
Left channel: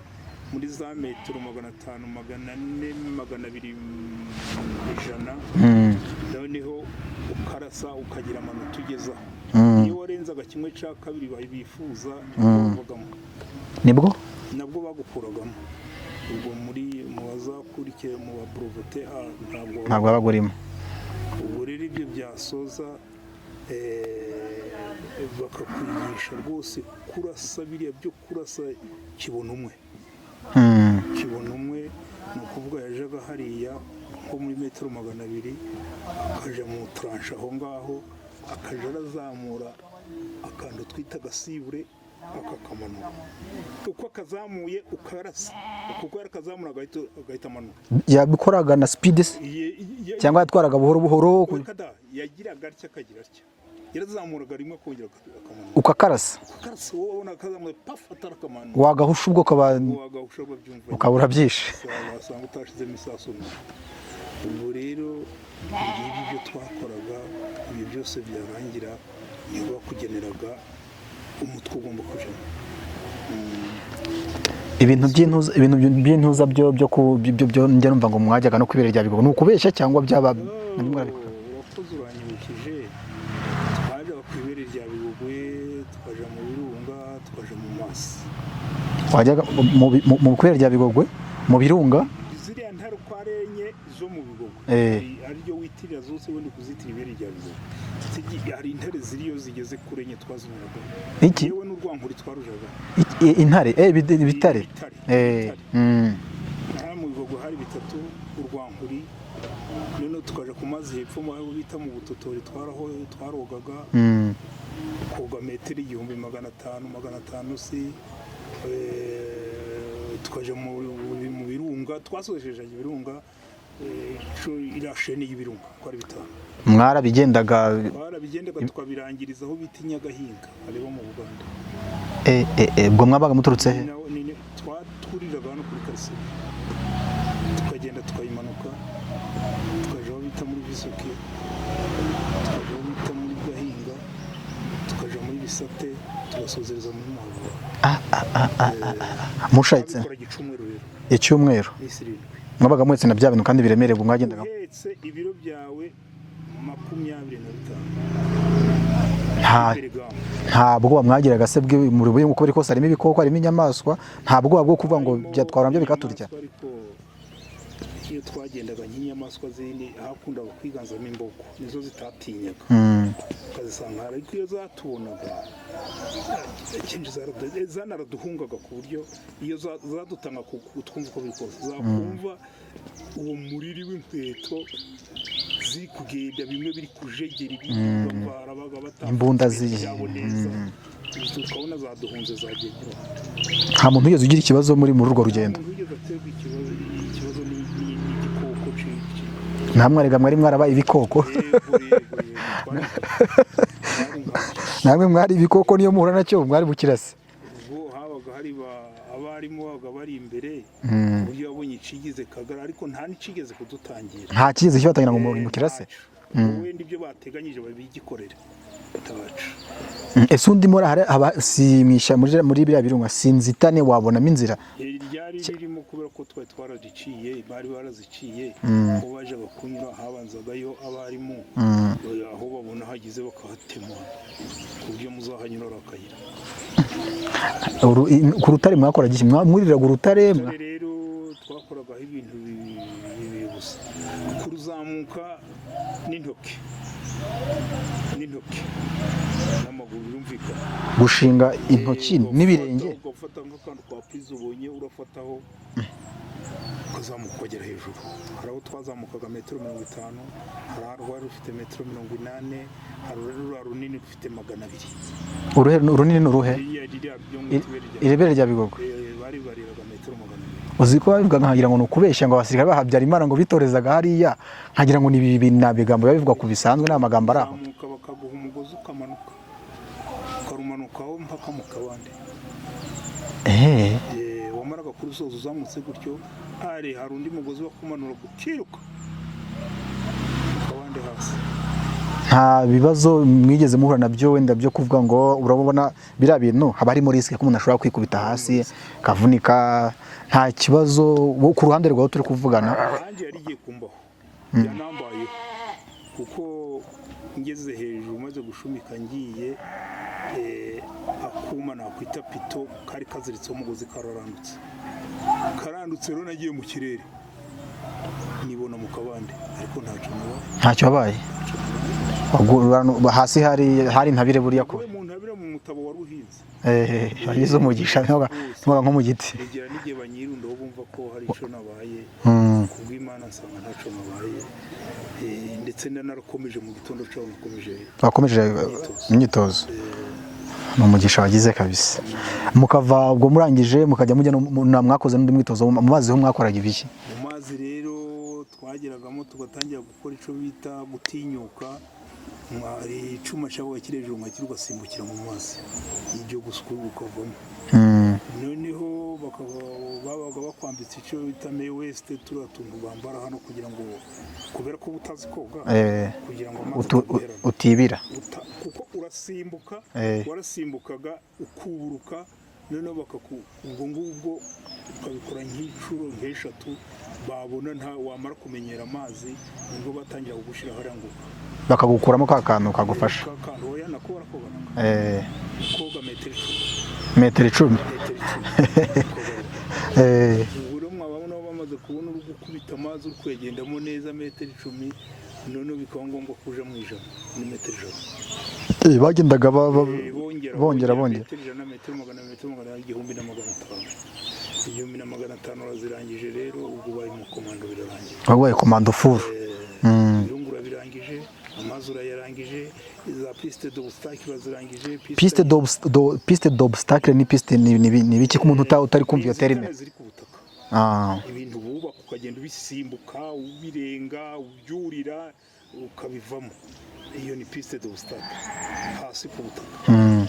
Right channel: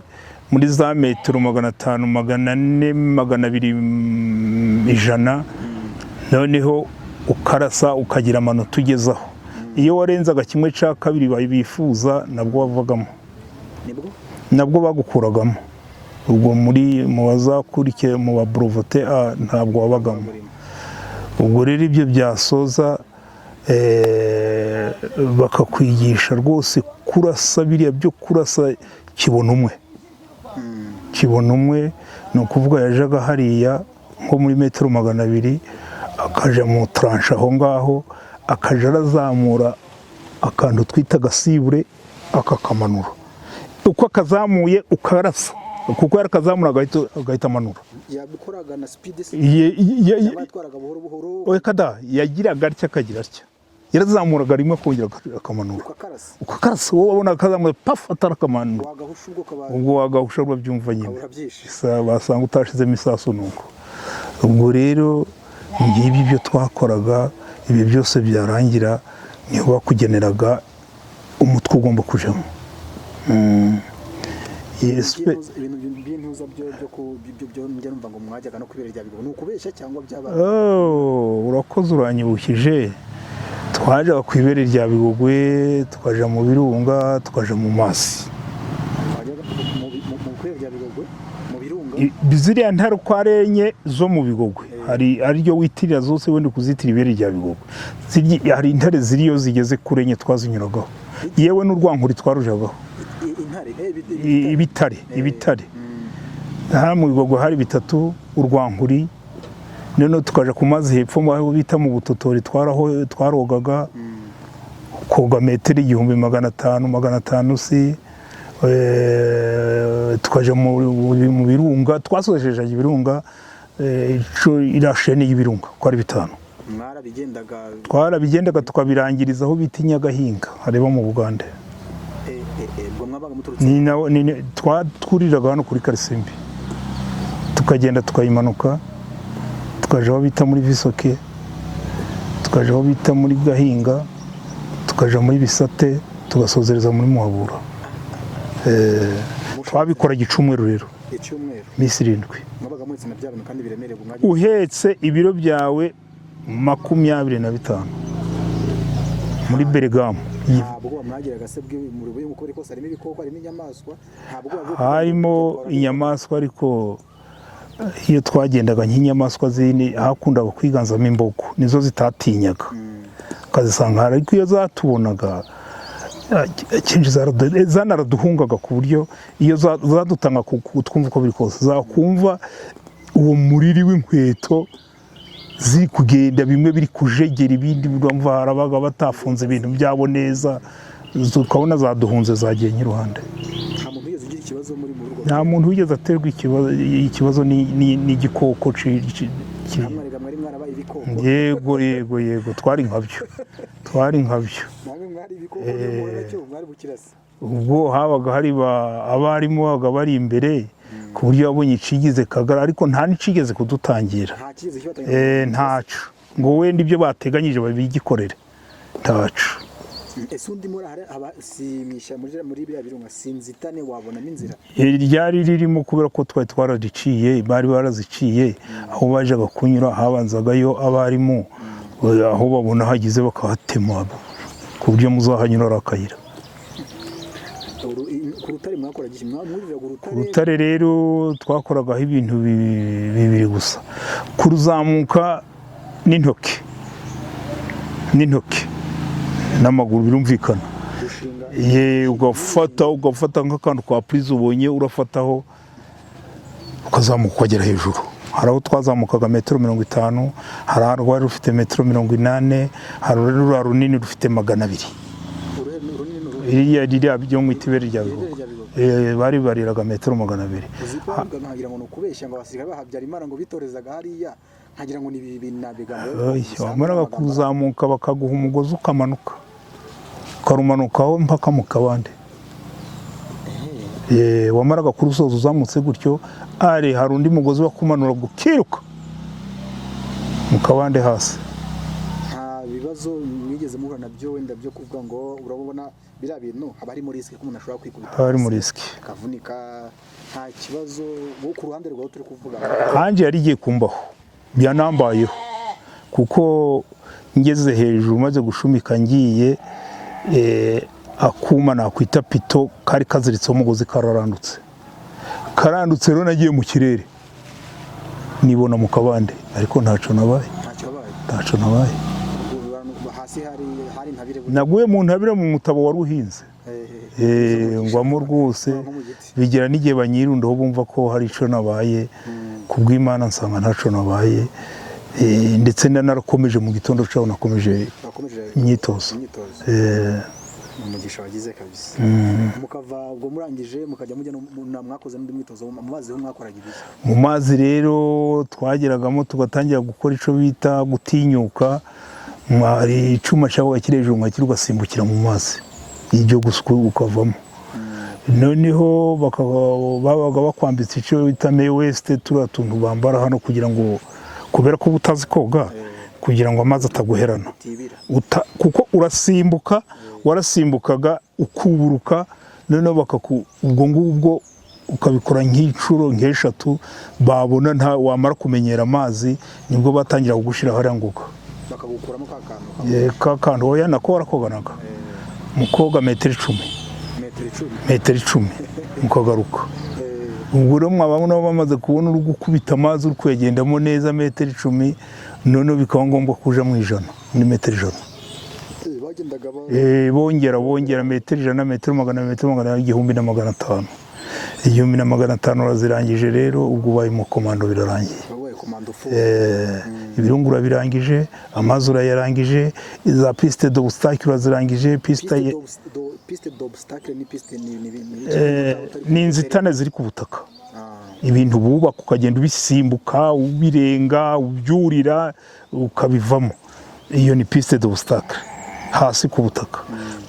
muri za metero 500, 400, 200, 100. Noneho ukarasa ukagira amanota ugezaho. Iyo warenzaga kimwe cya kabiri bifuza nabwo bavagamo. Nabwo bagukuragamo. Ubwo muri mu bazakurikiye mu ba breveté ntabwo wabagamo. Ubwo rero ibyo byasoza bakakwigisha rwose kurasa biriya byo kurasa kibona umwe ni ukuvuga yajaga hariya nko muri metero 200 akaja mu tranche aho ngaho akaja arazamura akantu twita gasibure akakamanura. Uko akazamuye ukarasa kuko yarakazamura agahita amanura. Yabikoraga na speed cyangwa yatwaraga buhoro buhoro. Kada yagiraga atya akagira atya. Yarazamuraga rimwe akongera akamanura. Ukakarasa wowe wabona akazamuye paf atarakamana. Wagahusha ubwo wagahusha ubwo byumva nyine. Ukabura byinshi. Basanga utashizemo isasu nuko. Ubwo rero ngibi byo twakoraga ibi byose byarangira niho bakugeneraga umutwe ugomba kujamo. Ibintu by'intuza byo njye numva ngo mwajyaga no kwibera rya Bigogwe nukubeshya cyangwa byabaga. Urakoze uranyibukije. Twajaga kwibera rya Bigogwe tukaja mu birunga tukaja mu masi. Wajyaga mu kwibera rya Bigogwe mu birunga ziriya ntare uko ari enye zo mu Bigogwe hari ariryo witirira zose wenda kuzitira ibere rya Bigogwe. Hari intare ziriyo zigeze kuri enye twazinyuragaho yewe n'urwankuri twarujagaho. Intare ibitare aha mu Bigogwe hari bitatu urwankuri, noneho tukaja ku mazi hepfo aho bita mu Butotori twarogaga koga metero 1500 si tukaja mu birunga twasojeje ibirunga irashene y'ibirunga ko ari 5. twarabigendaga tukabirangiriza aho bita Nyagahinga hareba mu Bugande. Ubwo mwabaga muturutse twuriraga hano kuri Karisimbi tukagenda tukayimanuka tukaja aho bita muri Visoke, tukaja aho bita muri Gahinga, tukaja muri Bisate, tugasozereza muri Muhabura. Twabikora Gicumweru rero. Icyumweru misi 7. Mwabaga mwetse na bya bintu kandi biremereye bwo mwagenda uhetse ibiro byawe 25 muri Bergamo. Ntabwo bamwagiraga se muri buye uko biri kose harimo ibikoko harimo inyamaswa, ntabwo bwo kuvuga ngo byatwara inyamaswa, ariko iyo twagendaga nk'inyamaswa zindi hakundaga kwiganzamo imbogo nizo zitatinyaga ukazisanga, ariko iyo zatubonaga zanaraduhungaga ku buryo iyo zadutanga twumva uko biri kose zakumva uwo muriri w'inkweto ziri kugenda bimwe biri kujegera ibindi urumva harabaga batafunze ibintu byabo neza, ukabona zaduhunze zagiye nk'iruhande. Nta muntu wigeze ugira ikibazo muri urwo rugendo? Nta muntu wigeze aterwa ikibazo n'igikoko. Namwe mwari mwarabaye ibikoko? Yego twari nkabyo. Namwe mwari ibikoko niyo muhura nacyo mwari bukirase? Ubwo habaga hari abarimu babaga bari imbere ku buryo yabonye icigeze kagara, ariko nta n'icigeze kudutangira. Nta kigeze kibatangira mu muntu ntacu ngo wenda ibyo bateganyije babigikorera ntacu. Ese undi muri abasimisha muri bya birunga sinzitane wabonamo inzira? Ryari ririmo kubera ko twari twaradiciye, bari baraziciye aho bajaga kunyura habanzagayo abarimu aho babona hagize bakahatema ku buryo muzahanyura arakayira. Ku rutare mwakoraga iki? Mwamuriraga urutare? Urutare rero twakoragaho ibintu bibiri gusa, kuruzamuka n'intoki n'amaguru birumvikana, gushinga intoki ugafata nk'akantu kwa prise ubonye urafataho ukazamuka ukagera hejuru. Hari aho twazamukaga 50 m, hari aho rufite 80 m, hari urura runini rufite 200. Runini n'uruhe? Ririya byo mu itibere rya Bigogwe bari bariraga 200. Uzi ko bavuga nkagira ngo nukubeshya ngo abasirikare bahabyara Imana ngo bitorezaga hariya, nkagira ngo ni nabigambo bivuga ku bisanzwe n'amagambo arazamuka bakaguha umugozi ukamanuka karumanukaho mpaka mu Kabande. Wamaraga kurusoza uzamutse gutyo hari undi mugozi wakumanura gukiruka mu Kabande hasi. Nta bibazo mwigeze muhura nabyo wenda byo kuvuga ngo urabona bira bintu haba harimo risk ko umuntu ashobora kwikubita hasi kavunika? Nta kibazo ku ruhande rwawe turi kuvugana? Hanje yari igiye kumbaho byanambayeho, kuko ngeze hejuru maze gushumika ngiye akuma nakwita pito kari kaziritseho umugozi karandutse rero nagiye mu kirere nibona mu Kabande, ariko ntacyo nabaye. Ntacyo nabaye. Hasi hari ntabire buriya? Naguye mu ntabire mu mutabo wari uhinze. Izo mugisha nko mu giti. Bigira n'igihe banyirundaho bumva ko hari ico nabaye, kubw'Imana nsanga ntacyo nabaye. Ndetse narakomeje mu gitondo cyaho nakomeje imyitozo. Ni umugisha wagize kabisa. Mukava ubwo murangije mukajya mujya mwakoze n'undi mwitozo mu mazi ho mwakoraga ibiki? Mu mazi rero twageragamo tugatangira gukora ico bita gutinyuka, mwari icuma cyabaga kirejuru mwakiri ugasimbukira mu mazi ibyo gusukwa ukavamo. Noneho babaga bakwambitse ico bita May West, turatuntu bambara hano kugira ngo kubera ko utazi koga kugira ngo amazi ataguherana utibira, kuko urasimbuka warasimbukaga ukuburuka, noneho ubwo ngubwo ukabikora nk'icuro nk'eshatu, babona nta wamara kumenyera amazi nibwo batangira kugushira hariya nguka bakagukuramo ka kantu kagufasha. Ka kantu oya nako warakoganaga mu koga 10 m metero 10. metero 10 ukagaruka. Ubwo rero mwaba nabo bamaze kubona uri gukubita amazi uri kuyagendamo neza metero 10, none bikaba ngombwa kuja mu 100 ni metero 100. Bagendaga bongera metero 100, metero 100, metero 100, 1500. 1500 urazirangije rero ubwo ubaye mu komando birarangiye. Wabaye komando full. Ibirungu urabirangije, amazi urayarangije, za piste d'obstacle urazirangije. Piste d'obstacle ni piste ni bike ku muntu utari ku inzitane ziri ku butaka. Ibintu bubaka ukagenda ubisimbuka, ubirenga, ubyurira ukabivamo. Iyo ni piste d'obstacle hasi ku butaka.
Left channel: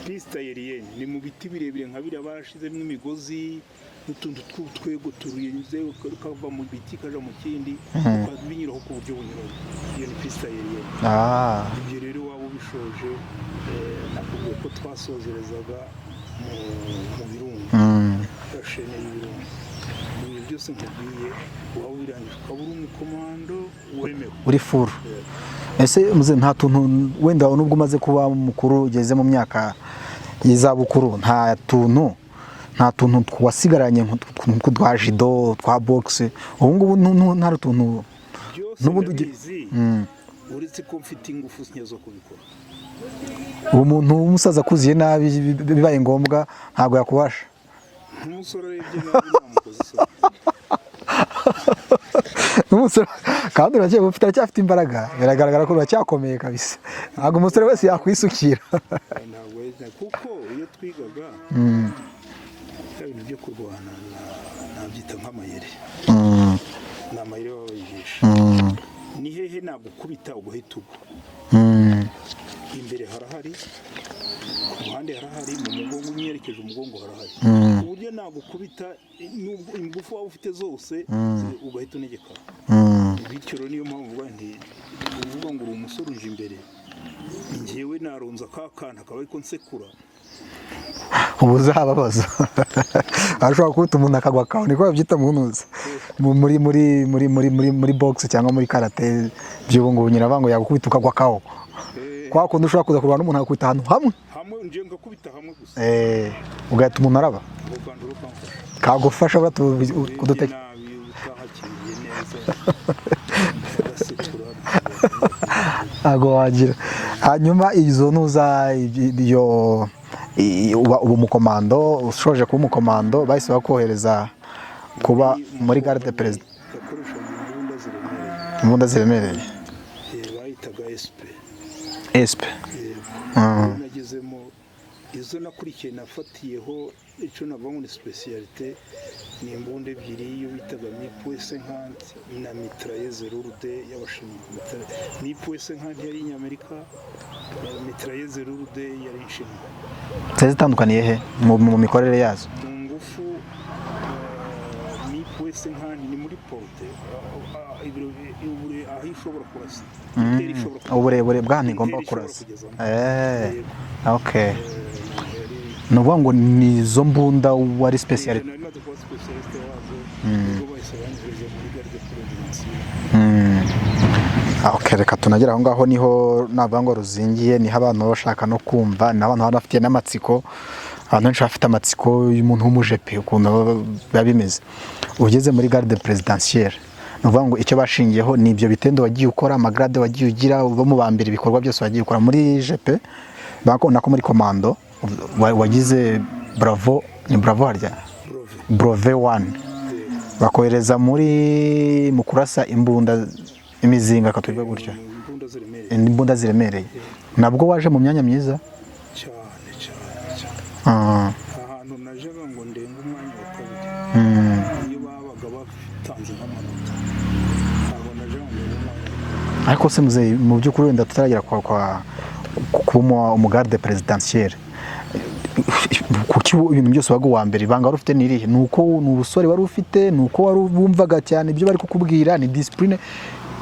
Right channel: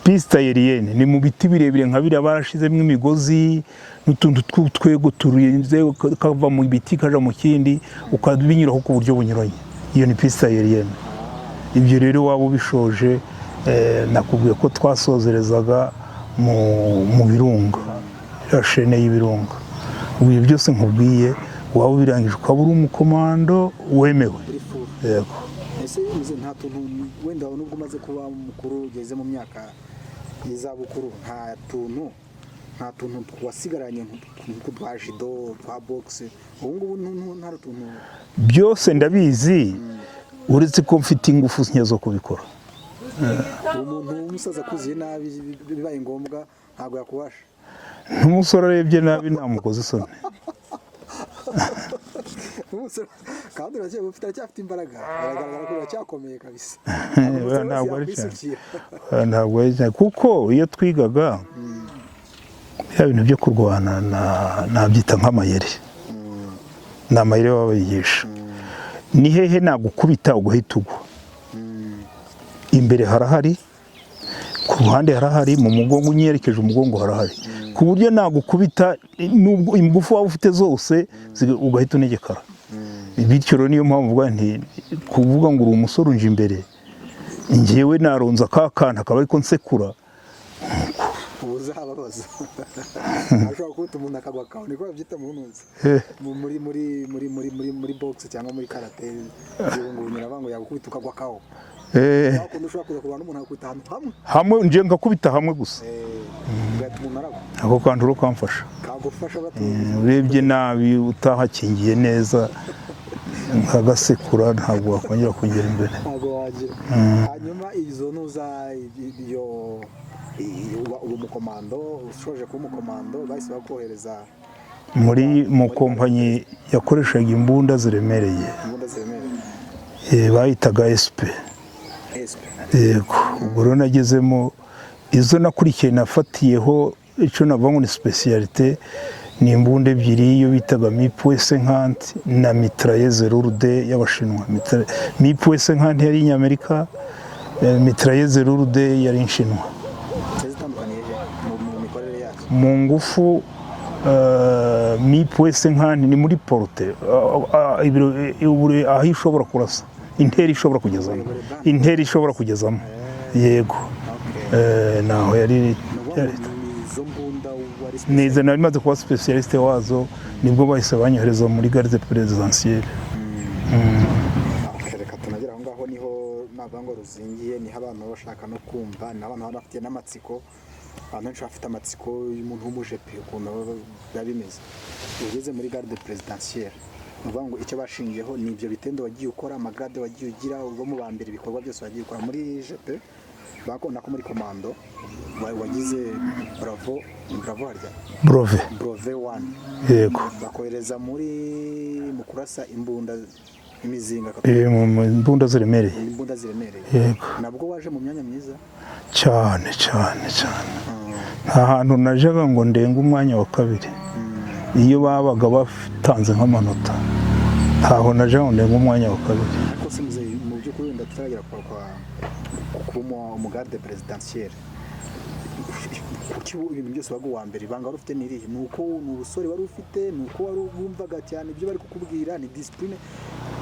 Piste aérienne ni mu biti birebire nka biriya barashizemo imigozi n'utuntu tw'utwego turinze kava mu biti kaja mu kindi ukabinyuraho ku buryo bunyuranye. Iyo ni piste aérienne. Ibyo rero waba ubishoje nakubwiye ko twasozerezaga mu birunga, shene y'ibirunga. Ubu byose nkubwiye waba ubirangije ukaba uri umukomando wemewe uri full. Ese muze nta tuntu wenda nubwo umaze kuba mukuru ugeze mu myaka y'izabukuru, nta tuntu twasigaranye twa judo, twa boxe, ubu ngubu nta tuntu byose ndabizi, uretse ko mfite ingufu nke zo kubikora. Umuntu w'umusaza akuziye nabi bibaye ngombwa ntabwo yakubasha. N'umusore arebye nabi namukoze isoni. N'umusore kandi uracyafite imbaraga, biragaragara ko uracyakomeye kabisa. Ntabwo umusore wese yakwisukira. Ntabwo kuko iyo twigaga ya bintu byo kurwana nabyita nk'amayeri. Ni amayeri babayigisha. Ni hehe nagukubita ugahita ugwa. Imbere harahari, ku ruhande harahari, mu mugongo unyerekeje umugongo harahari. Ku buryo nagukubita nubwo imbufu waba ufite zose ugahita unegekara. Bityo rero niyo mpamvu uvuga nti kuvuga ngo uri umusore unje imbere njyewe naronza kakana akaba ariko nsekura ubu uzababaza. Ashobora kuba umuntu akagwa kawe, niko babyita munuza muri boxe cyangwa muri karate by'ubu ngubu nyirabango yagukubita ukagwa kawe. Kwa kundi ushobora kuza kurwana n'umuntu akakubita ahantu hamwe nje ngakubita hamwe gusa, ugahita umuntu araba. Ako kantu uro kamfasha kagufasha urebye nabi utahakingiye neza nkagasekura ntabwo wakongera kugenda imbere, ntabwo wagira. Hanyuma izo ntuza uba umukomando, ushoje kuba umukomando bahise bakohereza muri kompanyi yakoreshaga imbunda ziremereye. Bayitaga SP. Yego. Rero nagezemo izo nakurikiye nafatiyeho icyo navuga ngo ni specialité, ni imbunda ebyiri, iyo bitaga MIP-50 na mitrailleuse lourde y'Abashinwa. MIP-50 yari inyamerika, mitrailleuse lourde yari inshinwa. Zitandukaniye he mu mikorere yazo? Mu ngufu MIP-50 ni muri porte aho ishobora kurasa, interi ishobora kugezamo, interi ishobora kugezamo. Yego. Naho yari nuvuga ngo nizo mbunda wari specialiste. Nizo nari maze kuba specialiste wazo, nibwo bahise banyohereza muri garde présidentielle. Reka tunagera aho ngaho niho navuga ngo ruzingiye, niho abantu bashaka no kumva, n'abantu bafite n'amatsiko, abantu benshi bafite amatsiko y'umuntu w'umujepe ukuntu biba bimeze. Ugeze muri garde présidentielle, nuvuga ngo icyo bashingiyeho ni ibyo bitendo wagiye ukora, amagrade wagiye ugira, bo mu bambere ibikorwa byose wagiye ukora muri jepe, nako muri komando wagize bravo, ni bravo harya brove 1. Yego. Bakohereza mu kurasa imbunda imizinga imbunda ziremereye. Nabwo waje mu myanya myiza cyane. Ahantu najaga ngo ndenga umwanya wa kabiri, iyo babaga batanze nk'amanota aho najaga ngo ndenga umwanya wa kabiri. Ariko se muze mu by'ukuri wenda tutaragera kuba umugarde présidentielle, kuki ibintu byose waga uwa mbere, ibanga wari ufite n'irihe? Ni ubusore wari ufite, ni uko wari bumvaga cyane ibyo bari kukubwira, ni discipline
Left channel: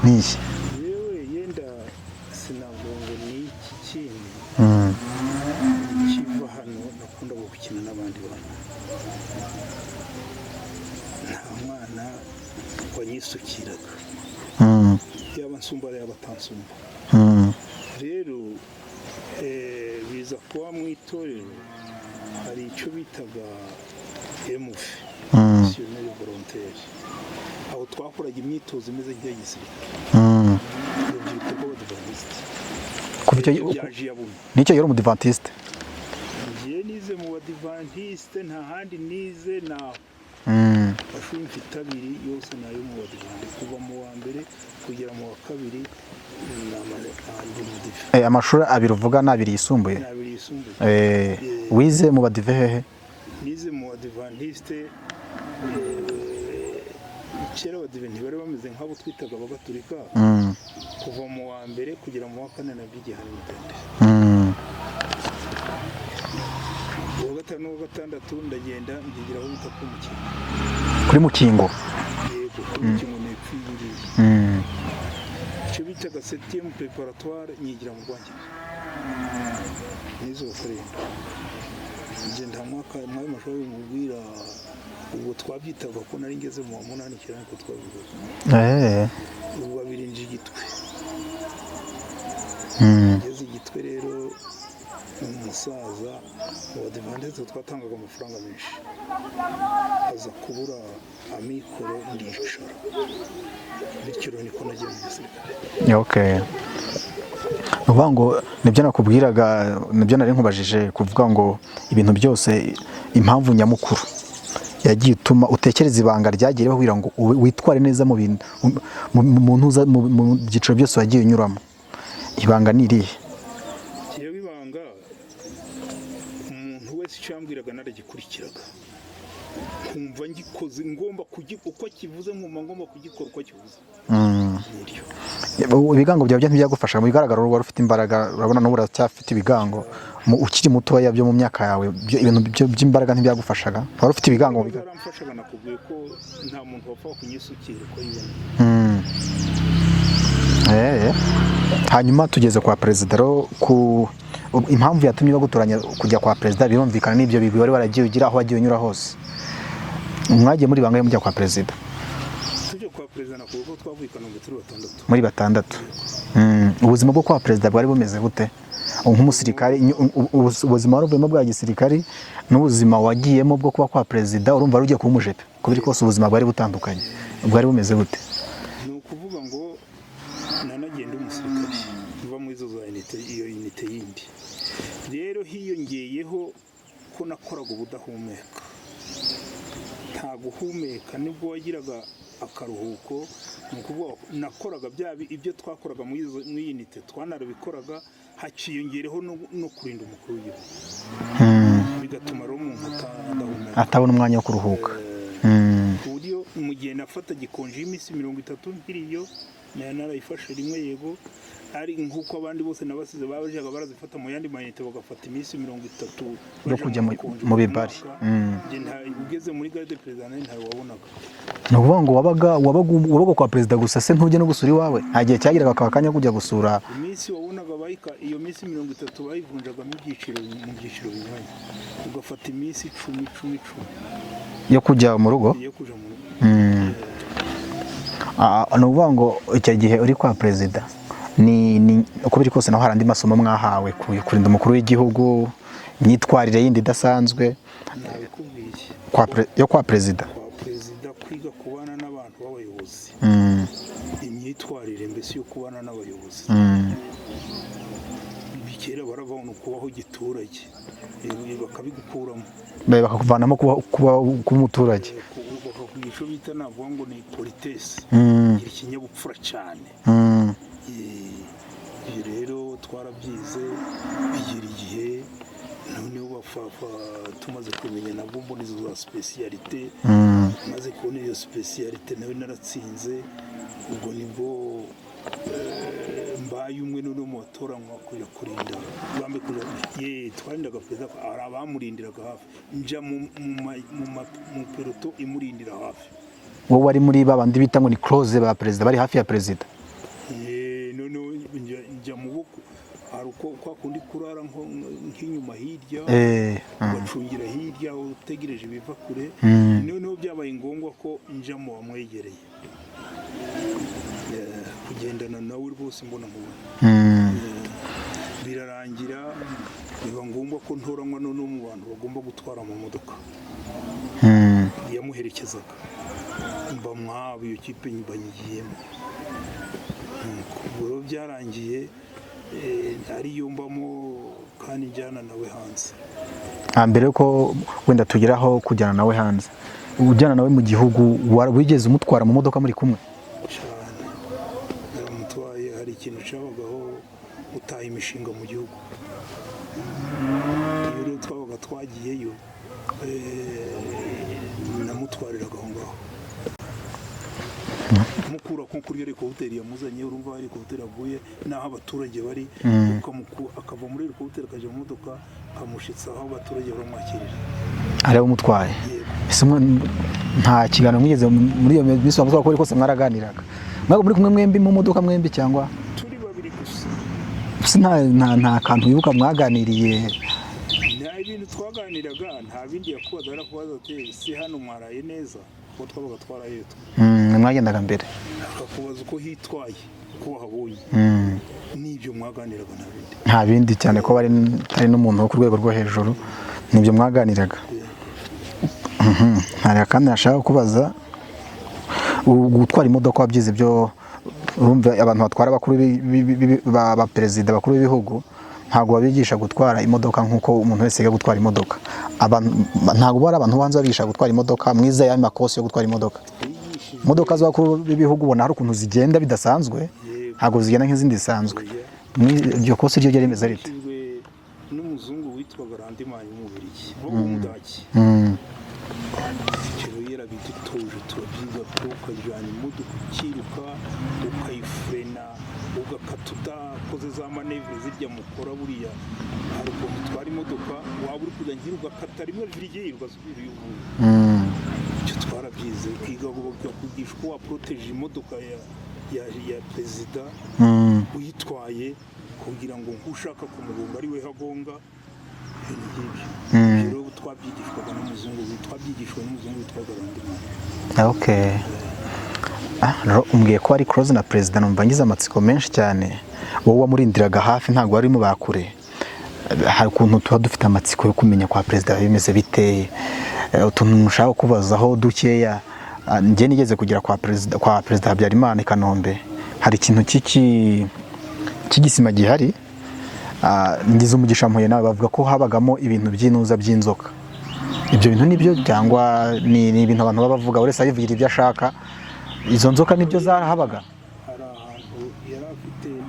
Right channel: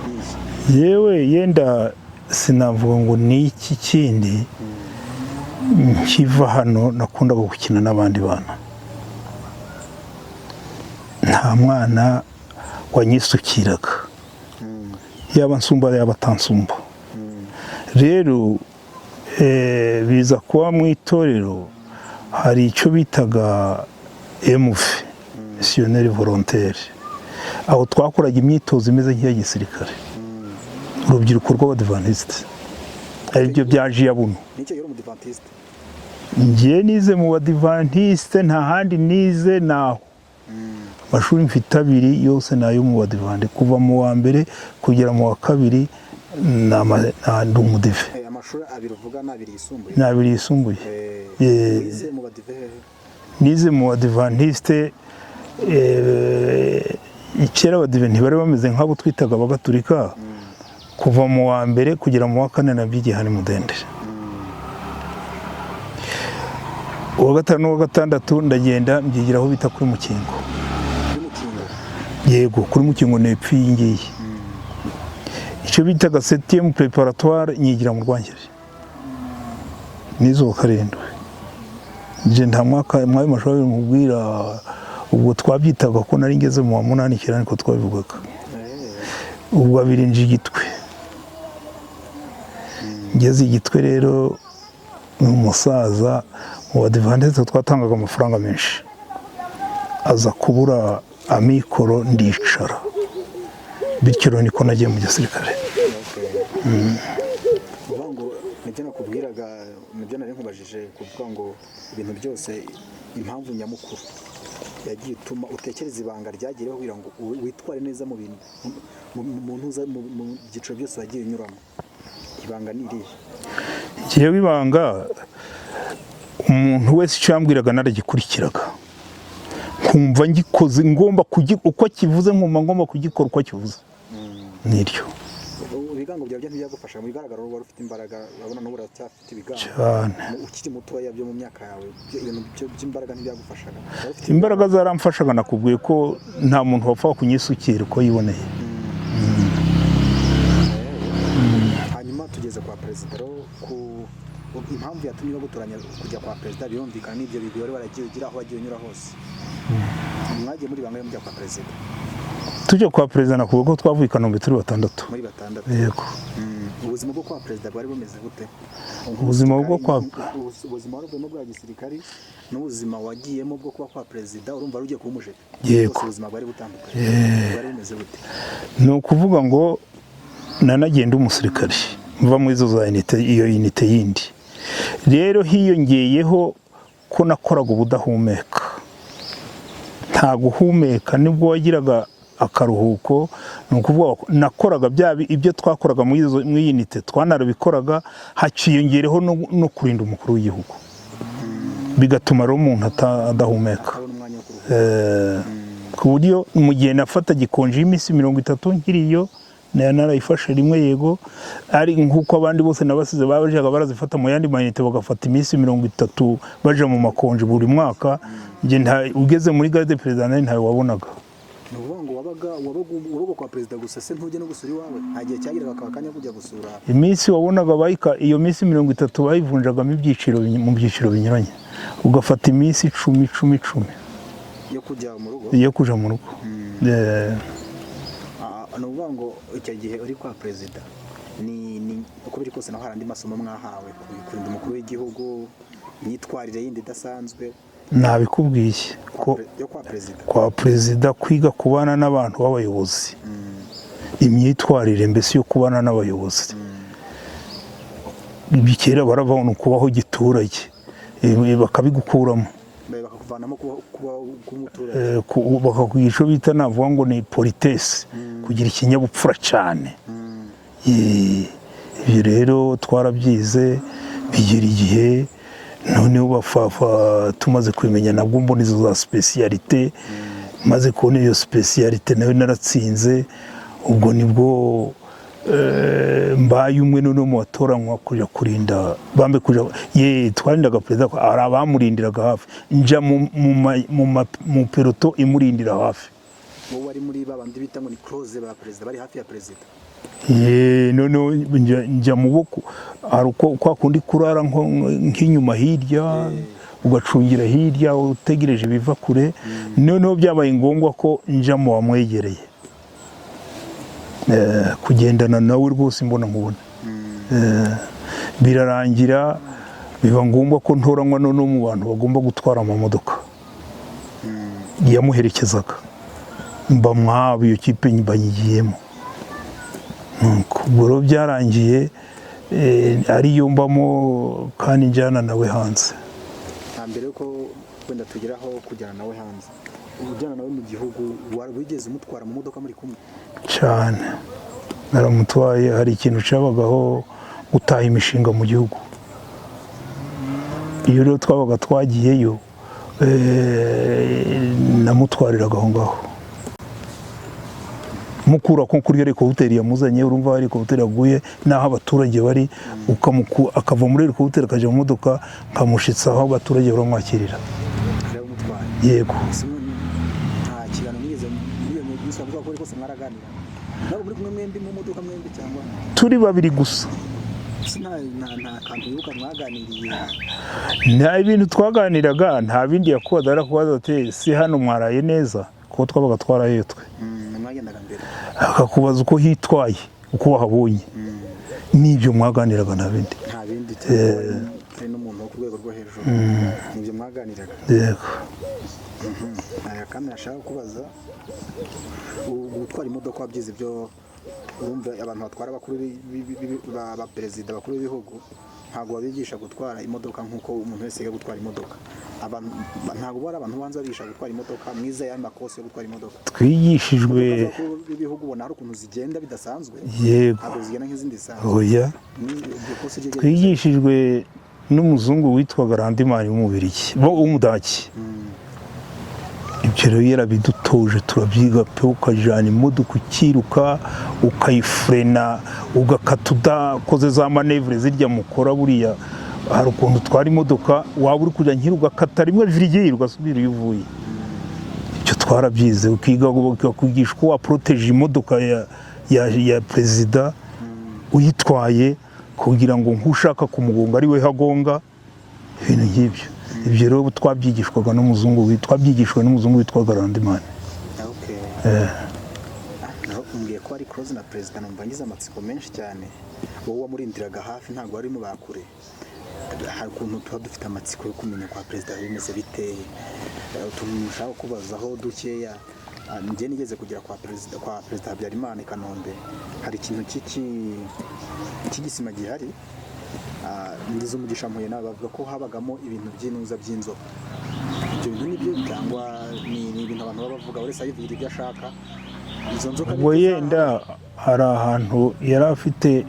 n'iki? Yewe yenda sinavuga ngo ni iki kindi. Nkiva hano nakundaga gukina n'abandi bana, nta mwana wanyisukiraga, yaba nsumba yaba atansumba. Rero biza kuba mu itorero hari icyo bitaga MV missionnaire volontaire, aho twakoraga imyitozo imeze nk'iya gisirikare, urubyiruko rw'abadivantisite aribyo byaje yabuno. Nicyo yari umudivantiste? Ngiye nize mu badivantiste, nta handi nize naho. Amashuri mfite abiri yose nayo mu badivantiste, kuva mu wa mbere kugera mu wa kabiri ndi umudive. Amashuri abiri uvuga ni abiri yisumbuye? Ni abiri yisumbuye. Wize mu badive hehe? Nize mu badivantiste, kera abadive ntibari bameze nk'abo twitaga abagatulika. Kuva mu wa mbere kugera mu wa kane nabyigiye hano Mudenderi. Uwa gatanu n'uwa gatandatu ndagenda mbyigira aho bita kuri Mukingo. Kuri Mukingo? Yego, kuri Mukingo nepfi ngiye. Icyo bitaga 7e préparatoire nyigira mu Rwangeri. Nizo wa karindwi. Nje nta mwaka mwayo mashuri mubwira, ubwo twabyitaga ko nari ngeze mu wa 8 kirani ko twabivugaga. Ubwo abiri nje Gitwe. Ngeze Gitwe rero umusaza mu badivantiste twatangaga amafaranga menshi, aza kubura amikoro ndicara, bityo niko nagiye mu gisirikare. Uvuga ngo nibyo nakubwiraga, nibyo nari nkubajije, kuvuga ngo ibintu byose impamvu nyamukuru yagiye utuma utekereza ibanga ryagiye kugira ngo witware neza mu bintu mu byiciro byose wagiye unyuramo, ibanga ni irihe? Ngiye ibanga umuntu wese icyo yambwiraga naragikurikiraga, nkumva ngikoze ngomba uko kivuze, nkumva ngomba kugikora uko kivuze. Niryo ibigango byawe ntibyagufasha mu bigaragara, wari ufite imbaraga, urabona n'ubu uracyafite ibigango ukiri mutoya byo mu myaka yawe, ibintu by'imbaraga ntibyagufashaga? Wari ufite ibigango? Imbaraga zaramfashaga, nakubwiye ko nta muntu wapfa kunyisukira uko yiboneye. Hanyuma tugeze kwa perezida, impamvu yatumye bagutoranya kujya kwa perezida birumvikana n'ibyo bigwi wari waragiye ugira aho wagiye unyura hose. Mwagiye muri bangahe mujya kwa perezida? Tujya kwa perezida nakuvuga ko twavuye i Kanombe turi batandatu. Muri batandatu? Yego. Ubuzima bwo kwa perezida bwari bumeze gute? Nk'umusirikare, ubuzima wari uvuyemo bwa gisirikare n'ubuzima wagiyemo bwo kuba kwa perezida, urumva wari ugiye kuba umujepe, kuko ubuzima bwari butandukanye. Bwari bumeze gute? Ni ukuvuga ngo nanagenda umusirikare mva muri izo za unite, iyo unite yindi rero hiyongeyeho ko nakoraga ubudahumeka, nta guhumeka, nibwo wagiraga akaruhuko. Ni ukuvuga nakoraga ibyo twakoraga muri unite twanarabikoraga, haciyongereho no kurinda umukuru w'igihugu, bigatuma rero umuntu adahumeka, atabona umwanya wo kuruhuka. Ku buryo mu gihe nafata gikonje y'iminsi 30 nkiriyo, narayifashe rimwe, yego, ari nk'uko abandi bose nabasize bajaga barazifata mu yandi mayinite, bagafata iminsi 30 baje mu makonje buri mwaka. Nge ugeze muri garde perezida ntawe wabonaga. Ni ukuvuga ngo wabaga kwa perezida gusa, se ntujye no gusura iwawe? Nta gihe cyagiraga akaba kanya kujya gusura? Iminsi wabonaga iyo minsi 30 bayivunjagamo mu byiciro binyuranye, ugafata iminsi 10 yo kujya mu rugo. Yo kuja mu rugo. Ni ukuvuga ngo icyo gihe uri kwa perezida uko biri kose naho hari andi masomo mwahawe, kurinda umukuru w'igihugu, imyitwarire yindi idasanzwe? Nabikubwiye yo kwa perezida. Kwa perezida kwiga kubana n'abantu b'abayobozi, imyitwarire mbese yo kubana n'abayobozi. Bikera baravana kubaho giturage, bakabigukuramo, bakakuvanamo kuba umuturage, bakakwigisha bita navuga ngo ni politesse, kugira ikinyabupfura cyane. Ibyo rero twarabyize bigera igihe noneho bafafa tumaze kwimenya nabwo mbona izo za specialité, maze kubona iyo specialité nayo naratsinze. Ubwo nibwo mbaye umwe none mu batoranywa kuja kurinda bambe kuja twarindaga perezida, ari abamurindiraga hafi, nja mu peloto imurindira hafi. Wowe wari muri babandi bita ngo ni close ba perezida, bari hafi ya perezida? None njya mu boko, hari uko kwa kundi kurara nk'inyuma hirya, ugacungira hirya utegereje biva kure. Noneho byabaye ngombwa ko nja mu bamwegereye, kugendana nawe rwose mbona mubona. Birarangira biba ngombwa ko ntoranywa no mu bantu bagomba gutwara amamodoka yamuherekezaga, mba mwabo iyo kipe bayigiyemo. Ubwo rero byarangiye ariyo mbamo kandi njyana nawe hanze. Mbere yuko wenda tugeraho kujyana nawe hanze, ujyana nawe mu gihugu, wigeze umutwara mu modoka muri kumwe? Cyane naramutwaye. Hari ikintu cyabagaho gutaha imishinga mu gihugu. Iyo rero twabaga twagiyeyo namutwariraga aho ngaho, mukura ko kuri helikopteri yamuzanye. Urumva helikopteri yaguye n'aho abaturage bari, akava muri helikopteri akajya mu modoka, nkamushitsa aho abaturage baramwakirira. Ariwe umutwaye? Yego. Nta kiganiro mwigeze muri iyo minsi wavuga ko rwose mwaraganiraga? Mwebwe muri kumwe mwembi mu modoka mwembi cyangwa? Turi babiri gusa. Nta kantu wibuka mwaganiriye? Nta ibintu twaganiraga, nta bindi yakoraga. Arakubaza ati si hano mwaraye neza, kuko twabaga twaraye twe. Mwagendaga mbere? Akakubaza uko hitwaye, uko wahabonye. Nibyo mwaganiraga, nta bindi. Nta bindi, cyane ko bari n'umuntu wo ku rwego rwo hejuru. Nibyo mwaganiraga? Yego. Hari kandi nashaka kubaza, gutwara imodoka wabyize byo, urumva abantu batwara abakuru ba perezida, bakuru b'ibihugu, ntabwo babigisha gutwara imodoka nk'uko umuntu wese yiga gutwara imodoka. Ntabwo bari abantu banza babigisha gutwara imodoka, mwiza y'ayo makosi yo gutwara imodoka. Twigishijwe imodoka z'abakuru b'ibihugu, ubona hari ukuntu zigenda bidasanzwe, ntabwo zigenda nk'izindi zisanzwe. Iryo kosi ryo ryari twigishijwe n'umuzungu witwaga Randimari w'Umubirigi, w'Umudaki. Ibyo rero yarabidutoje, turabyiga pe. Ukajyana imodoka ukiruka, ukayifurena, ugakata udakoze za manevure zirya mukora. Buriya hari ukuntu utwara imodoka, waba uri kujya nkiri ugakata rimwe virigeye ugasubira iyo uvuye. Icyo twarabyize. Ukiga bakwigisha uko waporoteje imodoka ya perezida uyitwaye, kugira ngo nk'ushaka kumugonga ari we hagonga, ibintu nk'ibyo. Ibyo rero twabyigishwaga n'umuzungu, twabyigishwa n'umuzungu witwaga Randimari. Umbwiye ko ari close na perezida, numva ngize amatsiko menshi cyane. Wowe wamurindiraga hafi, ntabwo wari mu bakure. Hari ukuntu tuba dufite amatsiko yo kumenya kwa perezida bimeze biteye, utuntu nshaka kubazaho dukeya. Njye nigeze kugera kwa perezida Habyarimana i Kanombe. Hari ikintu cy'igisima gihari, ngize umugisha mpuye nawe, bavuga ko habagamo ibintu by'inuza by'inzoka. Ibyo bintu nibyo cyangwa ni ibintu abantu baba bavuga, wese ayivugira ibyo ashaka? Izo nzoka nibyo zahabaga? Hari ahantu yari afite,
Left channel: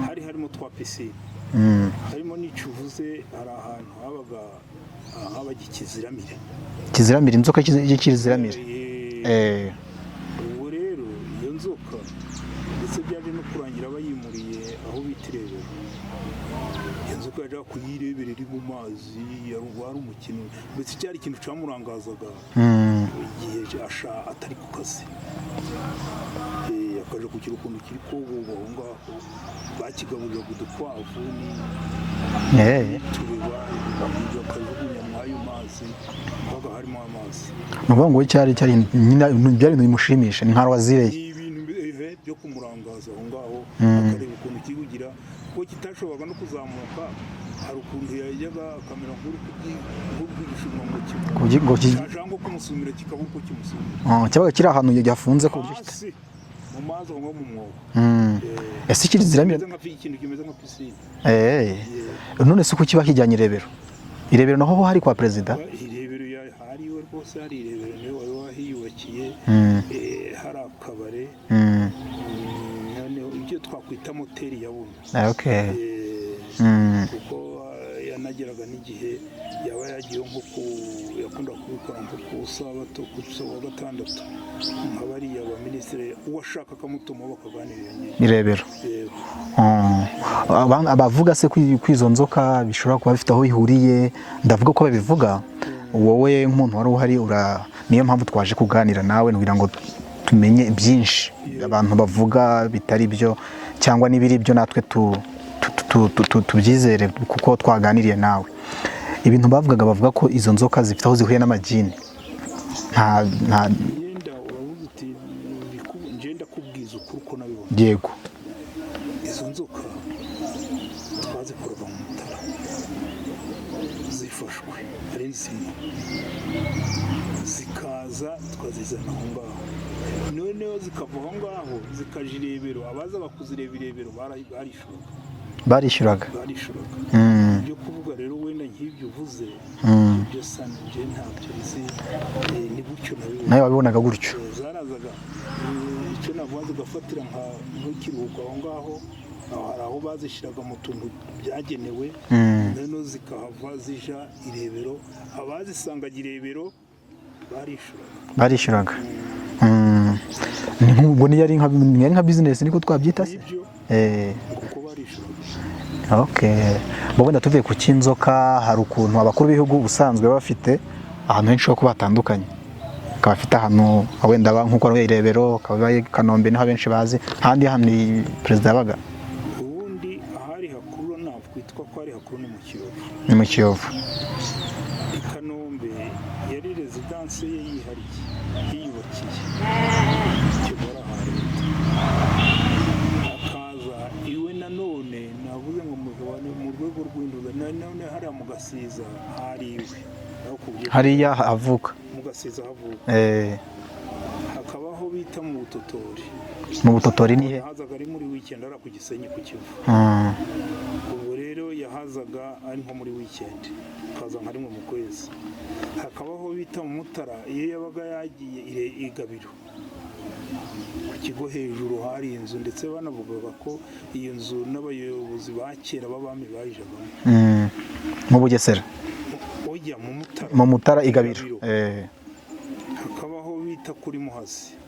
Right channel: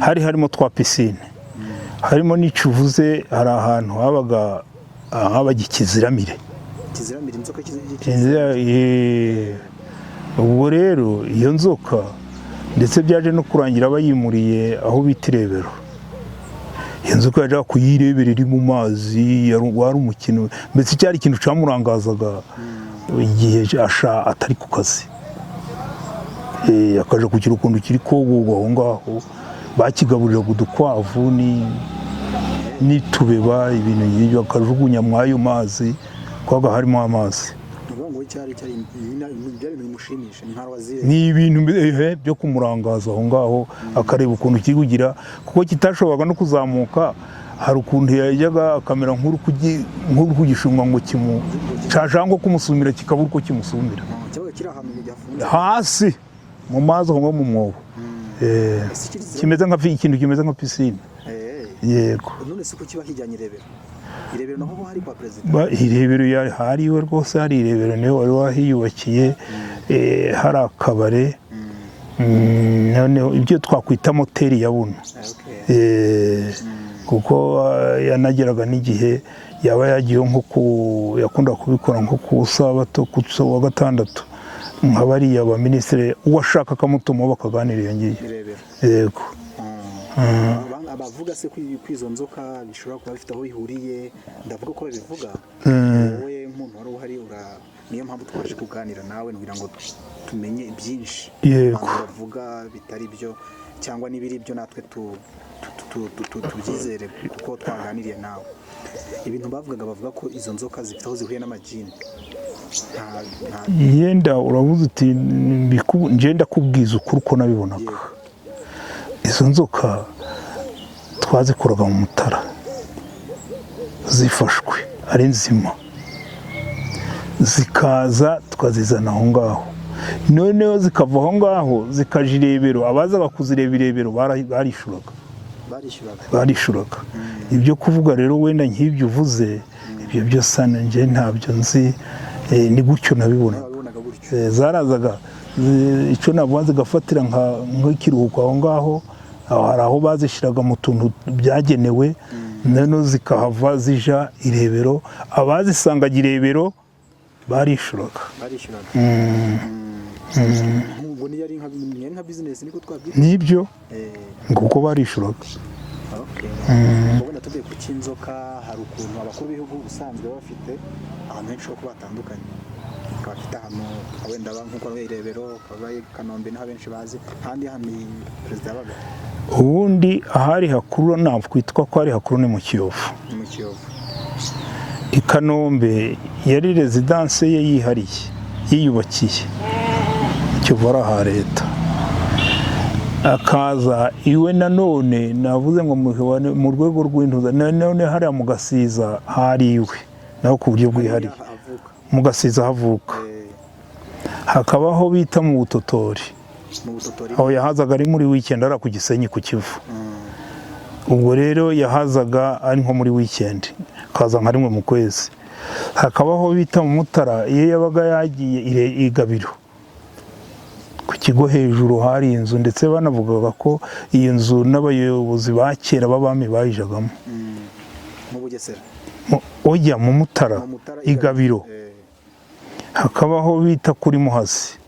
harimo twa pisine, harimo n'icuvuze. Hari ahantu habaga ikiziramire. Kiziramire, inzoka y'ikiziramire. Ubwo rero iyo nzoka ndetse byaje no kurangira bayimuriye aho bita Irebero. Iyo nzoka yajyaga kuyirebera iri mu mazi, wari umukino. Mbese cyari ikintu cyamurangazaga igihe atari ku kazi. Akaja kugira ukuntu kiri kogogwa aho ngaho, bakigaburiraga udukwavu n'itubeba, ibintu nk'ibyo, akajugunya mw'ayo mazi, kwaga harimo amazi. Nuvuga ngo cyari byari ibintu bimushimisha, ni nka wazire. Ni ibintu byo kumurangaza aho ngaho, akareba ukuntu kiri kugira, kuko kitashoboraga no kuzamuka. Hari ukuntu yajyaga akamera nk'uri kugishumwa ngo cyashaka kumusumira, kikabura uko kimusumira. Cyabaga kiri ahantu yafunze hasi mu mazi aho mu mwobo. Ese kimeze ikintu kimeze nka pisine. Yego. None se uko kiba kijyanye Irebero? Irebero naho hari kwa perezida? Irebero hari iwe rwose, hari Irebero niwe wari wahiyubakiye. Hari akabare, noneho ibyo twakwita moteri ya buno. Kuko yanageraga n'igihe yaba yagiye yakunda kubikora nko ku Sabato, ku wa gatandatu, nka bariya ba minisitiri uwashaka akamutuma bakaganira iyo ngiyo. Irebero. Yego. Abavuga se kwizo nzoka bishobora kuba bifite aho ihuriye, ndavuga ko babivuga. Wowe nk'umuntu wari uhari, niyo mpamvu twaje kuganira nawe, kugira ngo tumenye byinshi abantu bavuga bitari byo, cyangwa n'ibiri byo natwe tubyizere kuko twaganiriye nawe. Ibintu bavuga ko izo nzoka zifite aho zihuye n'amagini. Yenda uravuze uti ngenda kubwiza ukuri uko nabibona. Yego. Izo nzoka twazikuraga mu Mutara. zifashwe ari nzima zikaza tukazizana aho ngaho, noneho zikava aho ngaho zikaja irebero, abazaga kuzireba irebero barishyuraga. Ibyo kuvuga rero wenda nk'ibyo uvuze ibyo byose njye ntabyo nzi, ni gutyo nabibona. nawe wabibonaga gutyo? Zarazaga icyo navuga zigafatira nk'ikiruhuko aho ngaho, hari aho bazishyiraga mu tuntu byagenewe, noneho zikahava zija irebero, abazisangaga irebero barishyuraga. ubwo niyo ari nka bizinesi niko twabyita? Nibyo nguko barishyuraga. wenda tuvuye ku cy'inzoka, hari ukuntu abakuru b'ibihugu ubusanzwe bafite ahantu henshi ho kuba hatandukanye, akaba afite ahantu wenda nk'uko ari irebero, akaba i Kanombe niho abenshi bazi, ahandi hano perezida yabaga. Ubundi ahari hakuru nakwitwa ko ari hakuru ni mu Kiyovu. Ni mu Kiyovu. I Kanombe yari rezidanse ye yihariye yiyubakiye, Kiyovu ari aha leta. Akaza iwe nanone navuze ngo mu rwego rw'intuza, none hariya mu Gasiza hari iwe naho ku buryo hariya avuka, mu Gasiza havuka. Hakabaho bita mu Butotori. Mu Butotori aho yahazaga ari muri weekend ara ku Gisenyi ku Kivu. Ubwo rero yahazaga ari nko muri weekend, kaza nka rimwe mu kwezi. Hakabaho bita mu Mutara, iyo yabaga yagiye i Gabiro ku kigo hejuru hari inzu, ndetse banavugaga ko iyi nzu n'abayobozi ba kera b'abami bayijagamo. Mu Bugesera? Ojya mu Mutara, mu Mutara i Gabiro. Hakabaho bita kuri Muhazi,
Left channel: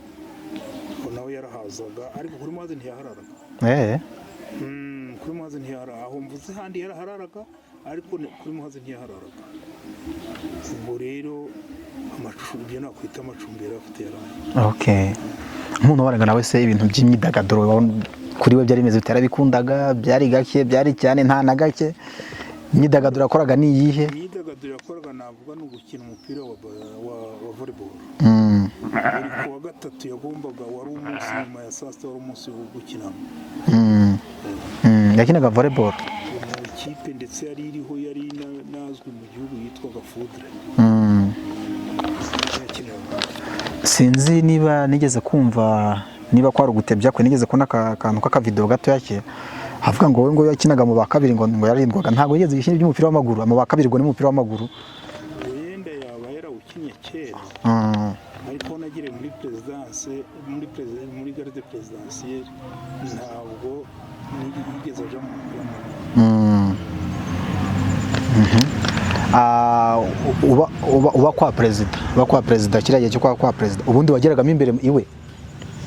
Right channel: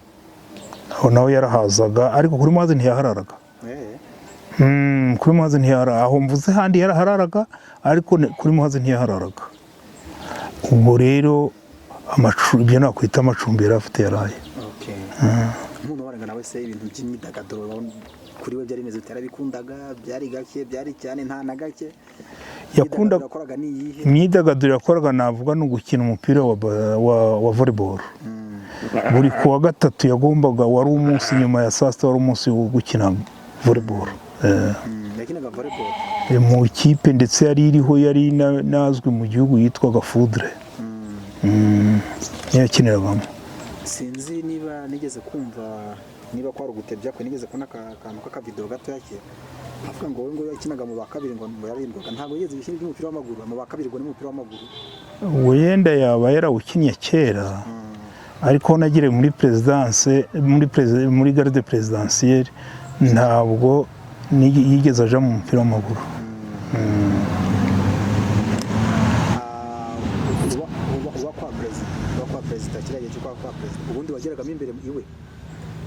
aho nawe yarahazaga, ariko kuri Muhazi ntiyahararaga. Kuri Muhazi ntiyahararaga, aho mvuze handi yarahararaga, ariko kuri Muhazi ntiyahararaga. Ubwo rero ibyo nakwita amacumbi yari afite yaraye. Umuntu wabanaga nawe se ibintu by'imyidagaduro kuri we byari bimeze bite? Yarabikundaga? Byari gake? Byari cyane? Nta na gake? Imyidagaduro yakoraga ni iyihe? Imyidagaduro yakoraga navuga ni ugukina umupira wa volleyball. Buri kuwa gatatu yagombaga, wari umunsi nyuma ya saa sita, wari umunsi wo gukina volleyball. Yakinaga volleyball mu ikipe, ndetse yari iriho, yari nazwi mu gihugu yitwaga Foudre. Yakiniragamo. Sinzi niba nigeze kumva, niba kwari ugutebya kwe, nigeze kubona akantu k'akavideo gato yake avuga ngo wowe ngo yakinaga mu ba kabiri, ngo yarindwaga. Ntabwo yigeze gukina iby'umupira w'amaguru, mu ba kabiri ngo ni umupira w'amaguru. Wenda yaba yarawukinnye kera, ariko nagire muri presidence, muri garde presidentielle, ntabwo yigeze aja mu mupira w'amaguru. uba kwa perezida kiriya gihe cyo kwa perezida, ubundi wageragamo imbere iwe?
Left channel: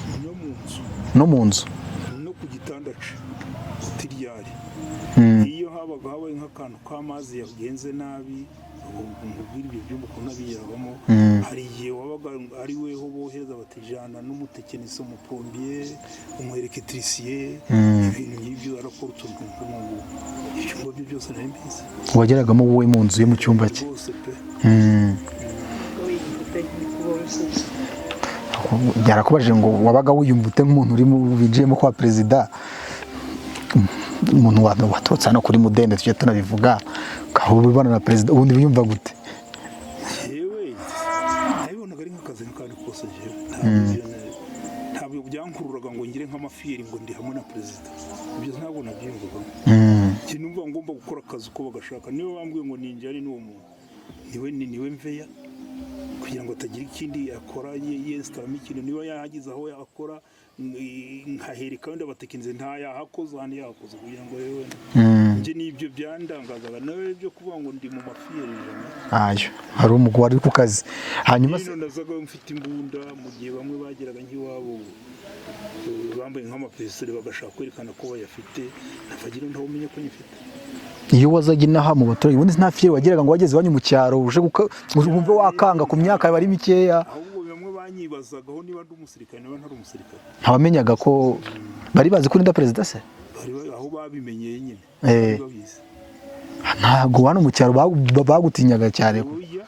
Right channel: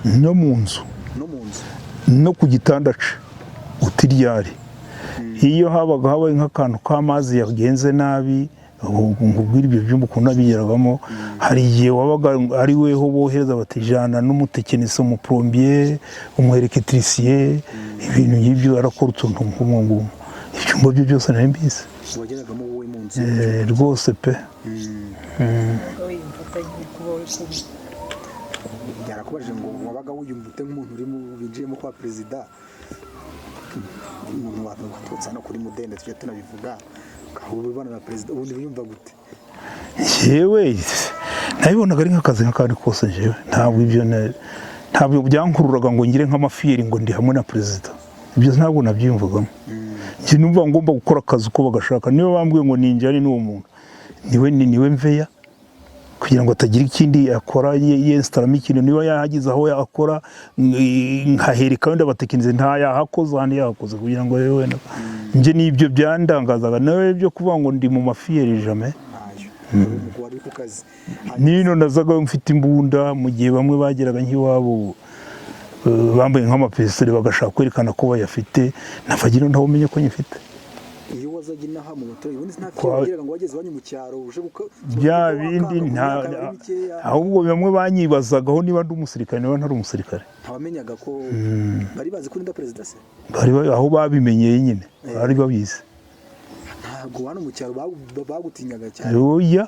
No mu nzu no ku gitanda ce utiryari. Iyo habaye nk'akantu k'amazi yagenze nabi, nkubwira ibyo byumba ukuntu abigeragamo, hari igihe wabaga ari weho bohereza batijana n'umutekinisi, umuplombier, umuelektricien, ibintu nk'ibyo arakora utuntu nk'ubu. Ibyumba byo byose nari mbizi. Wageragamo wowe mu nzu yo mu cyumba cye? Rwose pe. Byarakubajije ngo wabaga wiyumva ute nk'umuntu uri winjiyemo kwa perezida, umuntu waturutse hano kuri Mudende tujye tunabivuga, ukabona na perezida, ubundi wiyumva gute? Yewe nabibonaga ari nk'akazi nk'akandi kose. Jewe ntabwo byankururaga ngo ngire nk'amafiyeri ngo ndi hamwe na perezida. Ibyo ntabwo nabyiyumvagamo. Njye numva ngomba gukora akazi uko bagashaka. Niba bambwiye ngo ninjari n'uwo muntu, niwe mveya, kugira ngo atagira ikindi akora yenstaramo ikintu. Niba yahagize aho yakora nkahereka wenda abatekinisiye ntayahakoze, ahandi yahakoze, kugira ngo rero wenda njye n'ibyo byandangazaga. Nawe byo kuvuga ngo ndi mu mafiyeri jamais. Hari umugabo wari ku kazi, hanyuma nazaga mfite imbunda, mu gihe bamwe bageraga nk'iwabo bambaye nk'amapesiteri bagashaka kwerekana ko bayafite, nafagira ntaho umenye ko nyifite. Iyo wazaga inaha mu baturage, ubundi nta fiye wageraga ngo wageze iwanyu mu cyaro uje wakanga ku myaka yawe ari mikeya? Ahubwo bamwe banyibazagaho niba ndi umusirikare niba ntari umusirikare. Ntawamenyaga ko bari bazi ko urinda perezida se? Aho babimenyeye nyine bari babizi. Ntabwo hano mu cyaro bagutinyaga cyane? Oya,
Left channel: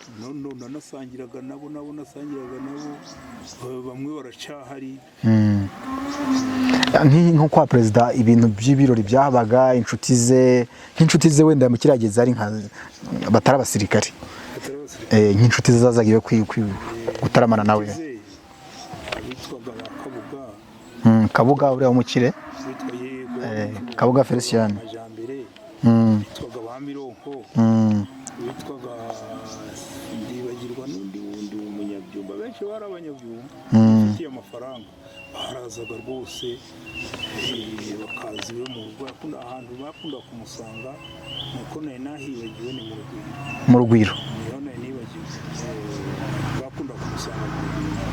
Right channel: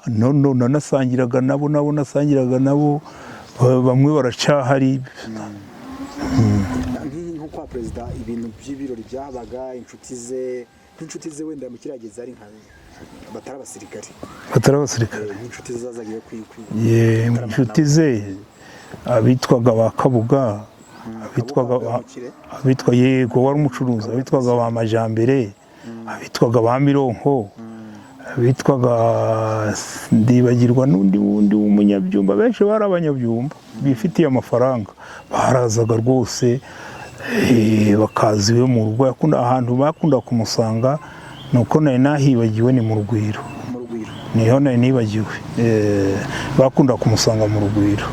nasangiraga nabo, bamwe baracahari. nko kwa perezida ibintu by'ibirori byabaga nk'inshuti ze wenda mu kirageze ari nka batari abasirikare nk'inshuti ze zazaga iwe gutaramana nawe. Inshuti ze abitwaga ba Kabuga uriya mukire abitwa yego wari umucuruzi, abitwaga ba Majambere, abitwaga ba Mironko, abitwaga ndibagirwa n'undi w'umunyabyumba, benshi bari abanyabyumba bifitiye amafaranga, barazaga rwose bakaza iwe mu rugo. Ahantu bakunda kumusanga nuko nari nahibagiwe ni mu Rugwiro niho nari nibagiwe, bakunda kumusanga mu Rugwiro,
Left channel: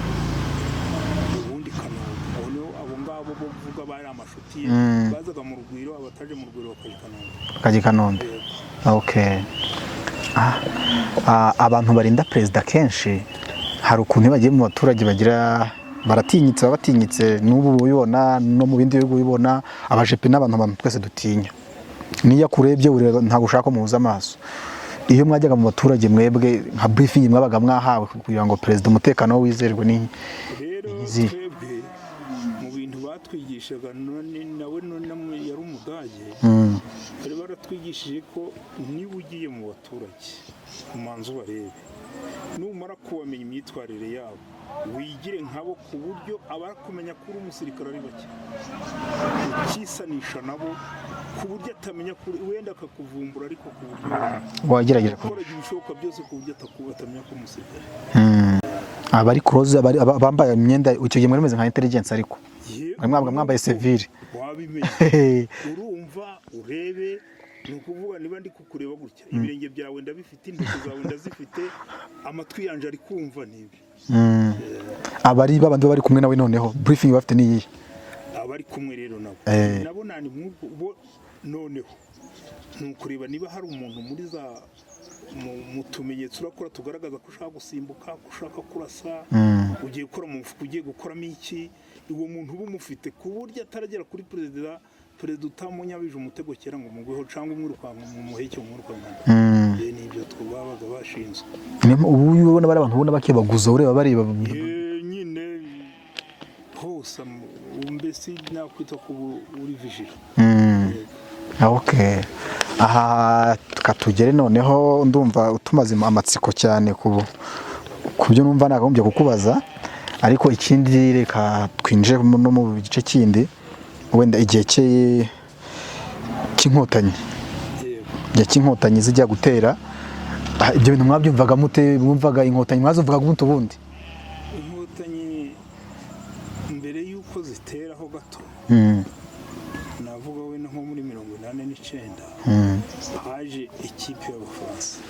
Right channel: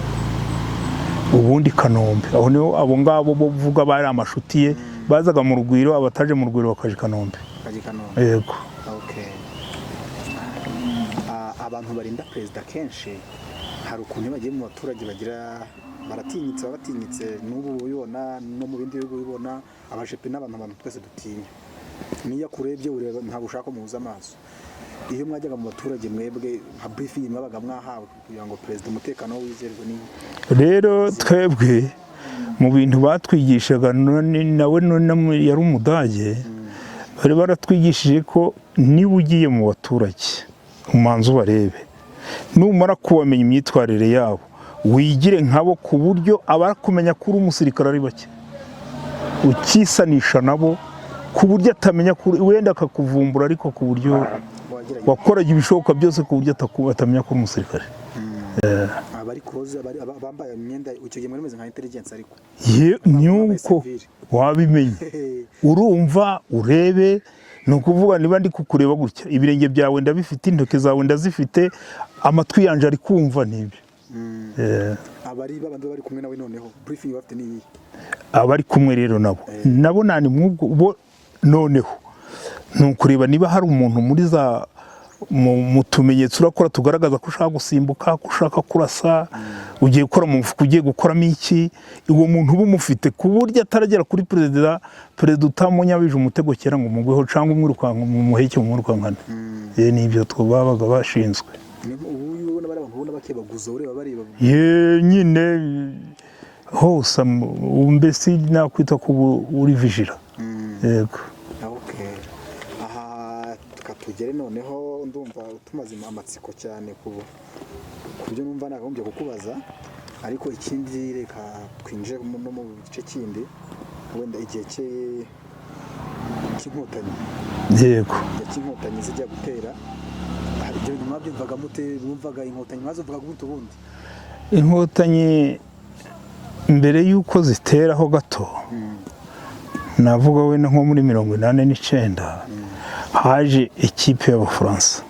ubundi Kanombe, aho niho abo ngabo bo vuga bari amashuti ye bazaga mu Rugwiro, abataje mu Rugwiro bakaje Kanombe. Yego. Okay. Abantu barinda perezida kenshi hari ukuntu bagiye mu baturage baratinyitse n'ubu ubibona no mu bindi bihugu ubibona, abajepe n'abantu twese dutinya, niyo akurebye ntabwo ushaka ko muhuza amaso. Iyo mwajyaga mu baturage mwebwe nka briefing mwabaga mwahawe kugira ngo perezida umutekano wizerwe ni rero twebwe mu bintu batwigishaga, nawe yari Umudage, bari baratwigishije ko niba ugiye mu baturage umanza ubarebe, numara kubamenya imyitwarire yabo wigire nkabo, ku buryo abarakumenya ko uri umusirikare ari bake, ukisanisha nabo ku buryo atamenya wenda akakuvumbura, ariko ku buryo wakoraga ibishoboka byose ku buryo atamenya ko uri umusirikare. Abari close bambaye imyenda icyo gihe meze nka intelligence, ariko mwambaye civil wabimenye urumva urebe, ni ukuvuga niba ndi kukureba gutya, ibirenge byawe ndabifite, intoki zawe ndazifite, amatwi yanje ari kumva n'ibyo. Abari babandi bari kumwe nawe noneho briefing bafite niyi, abari kumwe rero nabo nani mwubwo noneho nukureba niba hari umuntu muri za mu tumenyetso urakora tugaragaza ko ushaka gusimbuka, ko ushaka kurasa, ugiye gukora mu mufuka, ugiye gukoramo iki, uwo muntu uba umufite ku buryo ataragera kuri perezida utamunyabije umutego kera ngo mugweho cyangwa umwirukanka mu muheke umwirukankana. Nibyo babaga bashinzwe. Ubu ubona bari abantu ubona bakebaguza ureba bareba nyine hose, mbese nakwita ko uri vigila. Yego. Okay. Aha katugere noneho, ndumva utumaze amatsiko cyane ku byo numva nakagombye kukubaza, ariko ikindi reka twinjire no mu gice kindi, wenda igihe cy'inkotanyi. Yego. Igihe cy'inkotanyi zijya gutera, ibyo bintu mwabyumvaga mute? Mwumvaga inkotanyi mwazuvugaga umuntu ubundi? Inkotanyi mbere y'uko ziteraho gato, navuga wenda nko muri 1989 haje ekipe y'Abafaransa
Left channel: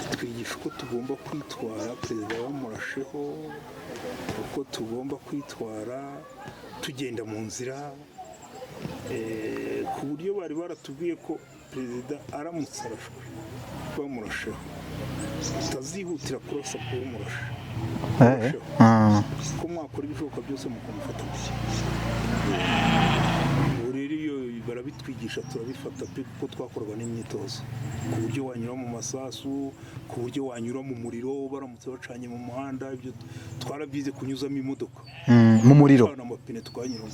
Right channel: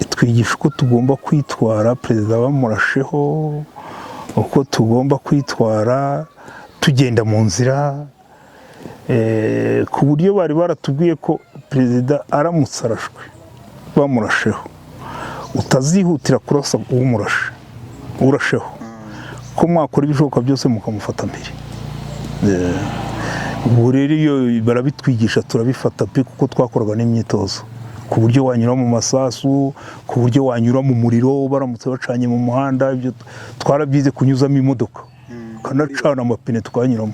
itwigisha uko tugomba kwitwara perezida bamurasheho, uko tugomba kwitwara tugenda mu nzira, ku buryo bari baratubwiye ko perezida aramutse arashwe bamurasheho utazihutira kurasa urasheho, ko mwakora ibishoboka byose mukamufata mbere. Ubu rero iyo barabitwigisha turabifata pe, kuko twakoraga n'imyitozo ku buryo wanyura mu masasu, ku buryo wanyura mu muriro baramutse bacanye mu muhanda, ibyo twarabyize kunyuzamo imodoka kunacana amapine twanyuramo.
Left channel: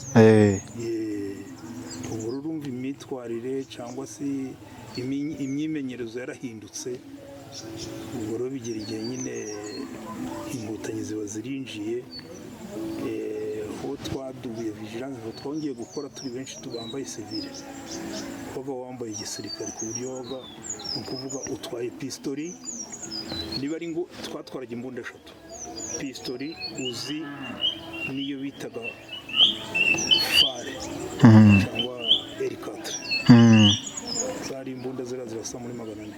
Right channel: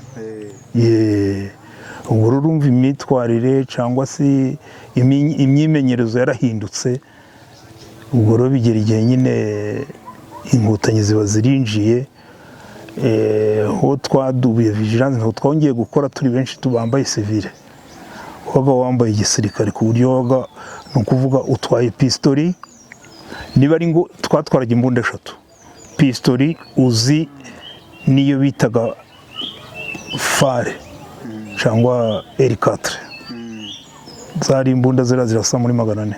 Ubu rero urumva imyitwarire cyangwa se imyimenyerezo yarahindutse. Ubwo rero bigera igihe nyine inkotanyi ziba zirinjiye, aho twadubuye vigilance, aho twongeye gukora turi benshi tubambaye civile, waga wambaye igisirikare, ku buryo waga ni ukuvuga utwaye pistori, niba ari ngo twatwaraga imbunda 3, pistori uzi niyo bitaga fare cyangwa R4, zari imbunda zirasa muri 400,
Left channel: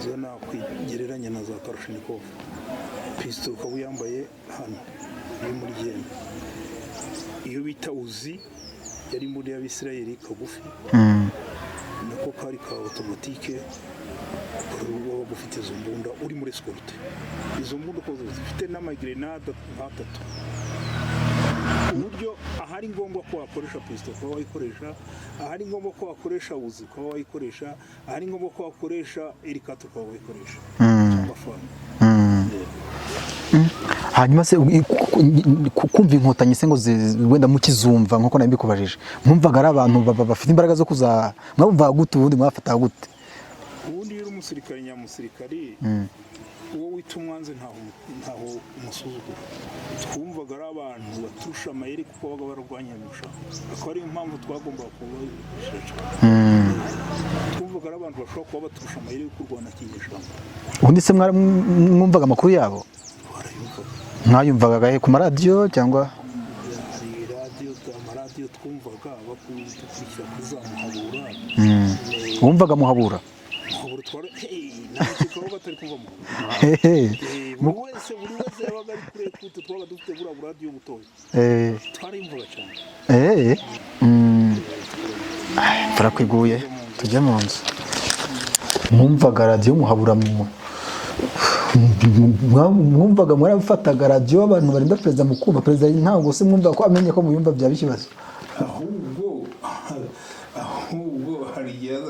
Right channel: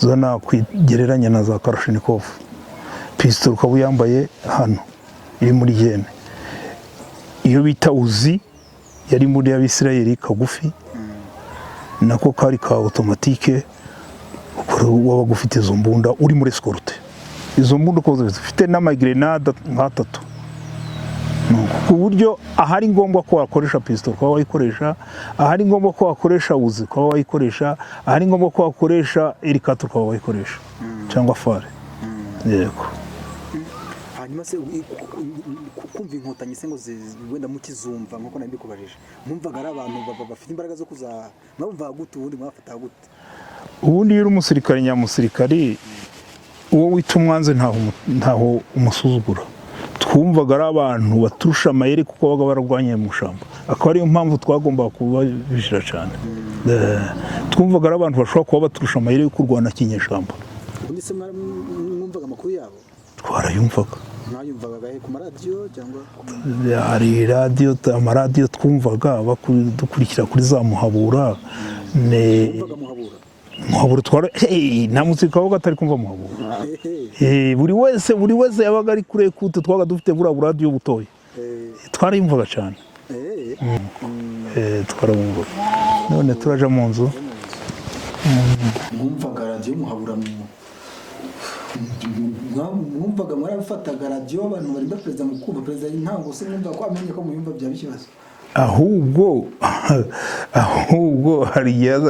zo nakwigereranya na za Kalashnikov. Pistori ukaba yambaye hano iri muri jene, iyo bita uzi yari muri y'Abisirayeli kagufi, nako kari ka automatique, waba gufite izo mbunda uri muri escorte. Izo mbunda ko zifite n'amagrenade nka 3, ku buryo ahari ngombwa ko wakoresha pistol ko wayikoresha, ahari ngombwa ko wakoresha uzi ko wayikoresha, ahari ngombwa ko wakoresha R4 ko wayikoresha cyangwa fare. Yego. hanyuma se kumva inkotanyi se ngo wenda mukizumva nkuko nabi kubajije mwumvaga ari abantu bafite imbaraga zo kuza mwumvaga gute ubundi mwafataga gute ubundi iyo uri umusirikare nyamusirikari uwo wita umwanzi ntaho umusuzugura twumvaga ari abantu baturusha amayeri kuko babaga bararwanye mu shamba akaba ariyo mpamvu twagombaga kubabishira cyane twumvaga ari abantu bashobora kuba baturusha amayeri yo kurwana kinyeshamba ubundi se mwumvaga amakuru yabo twarayumvaga mwayumvaga ku maradiyo cyangwa hari amaradiyo twumvaga dukurikira kuri za Muhabura wumvaga Muhabura nta musirikare wabaga atari kumva Muhabura buri wese yabaga ari kure kute twabaga dufite buriya buradiyo butoya twarayumvaga cyane twarabumvaga turaje mu nzu mwumvaga radiyo Muhabura mwumvaga mwarafataga radiyo abantu barinda perezida mukumva perezida ntabwo se mwumva ko amenye ko muyumva byaba ikibazo ahubwo hari igihe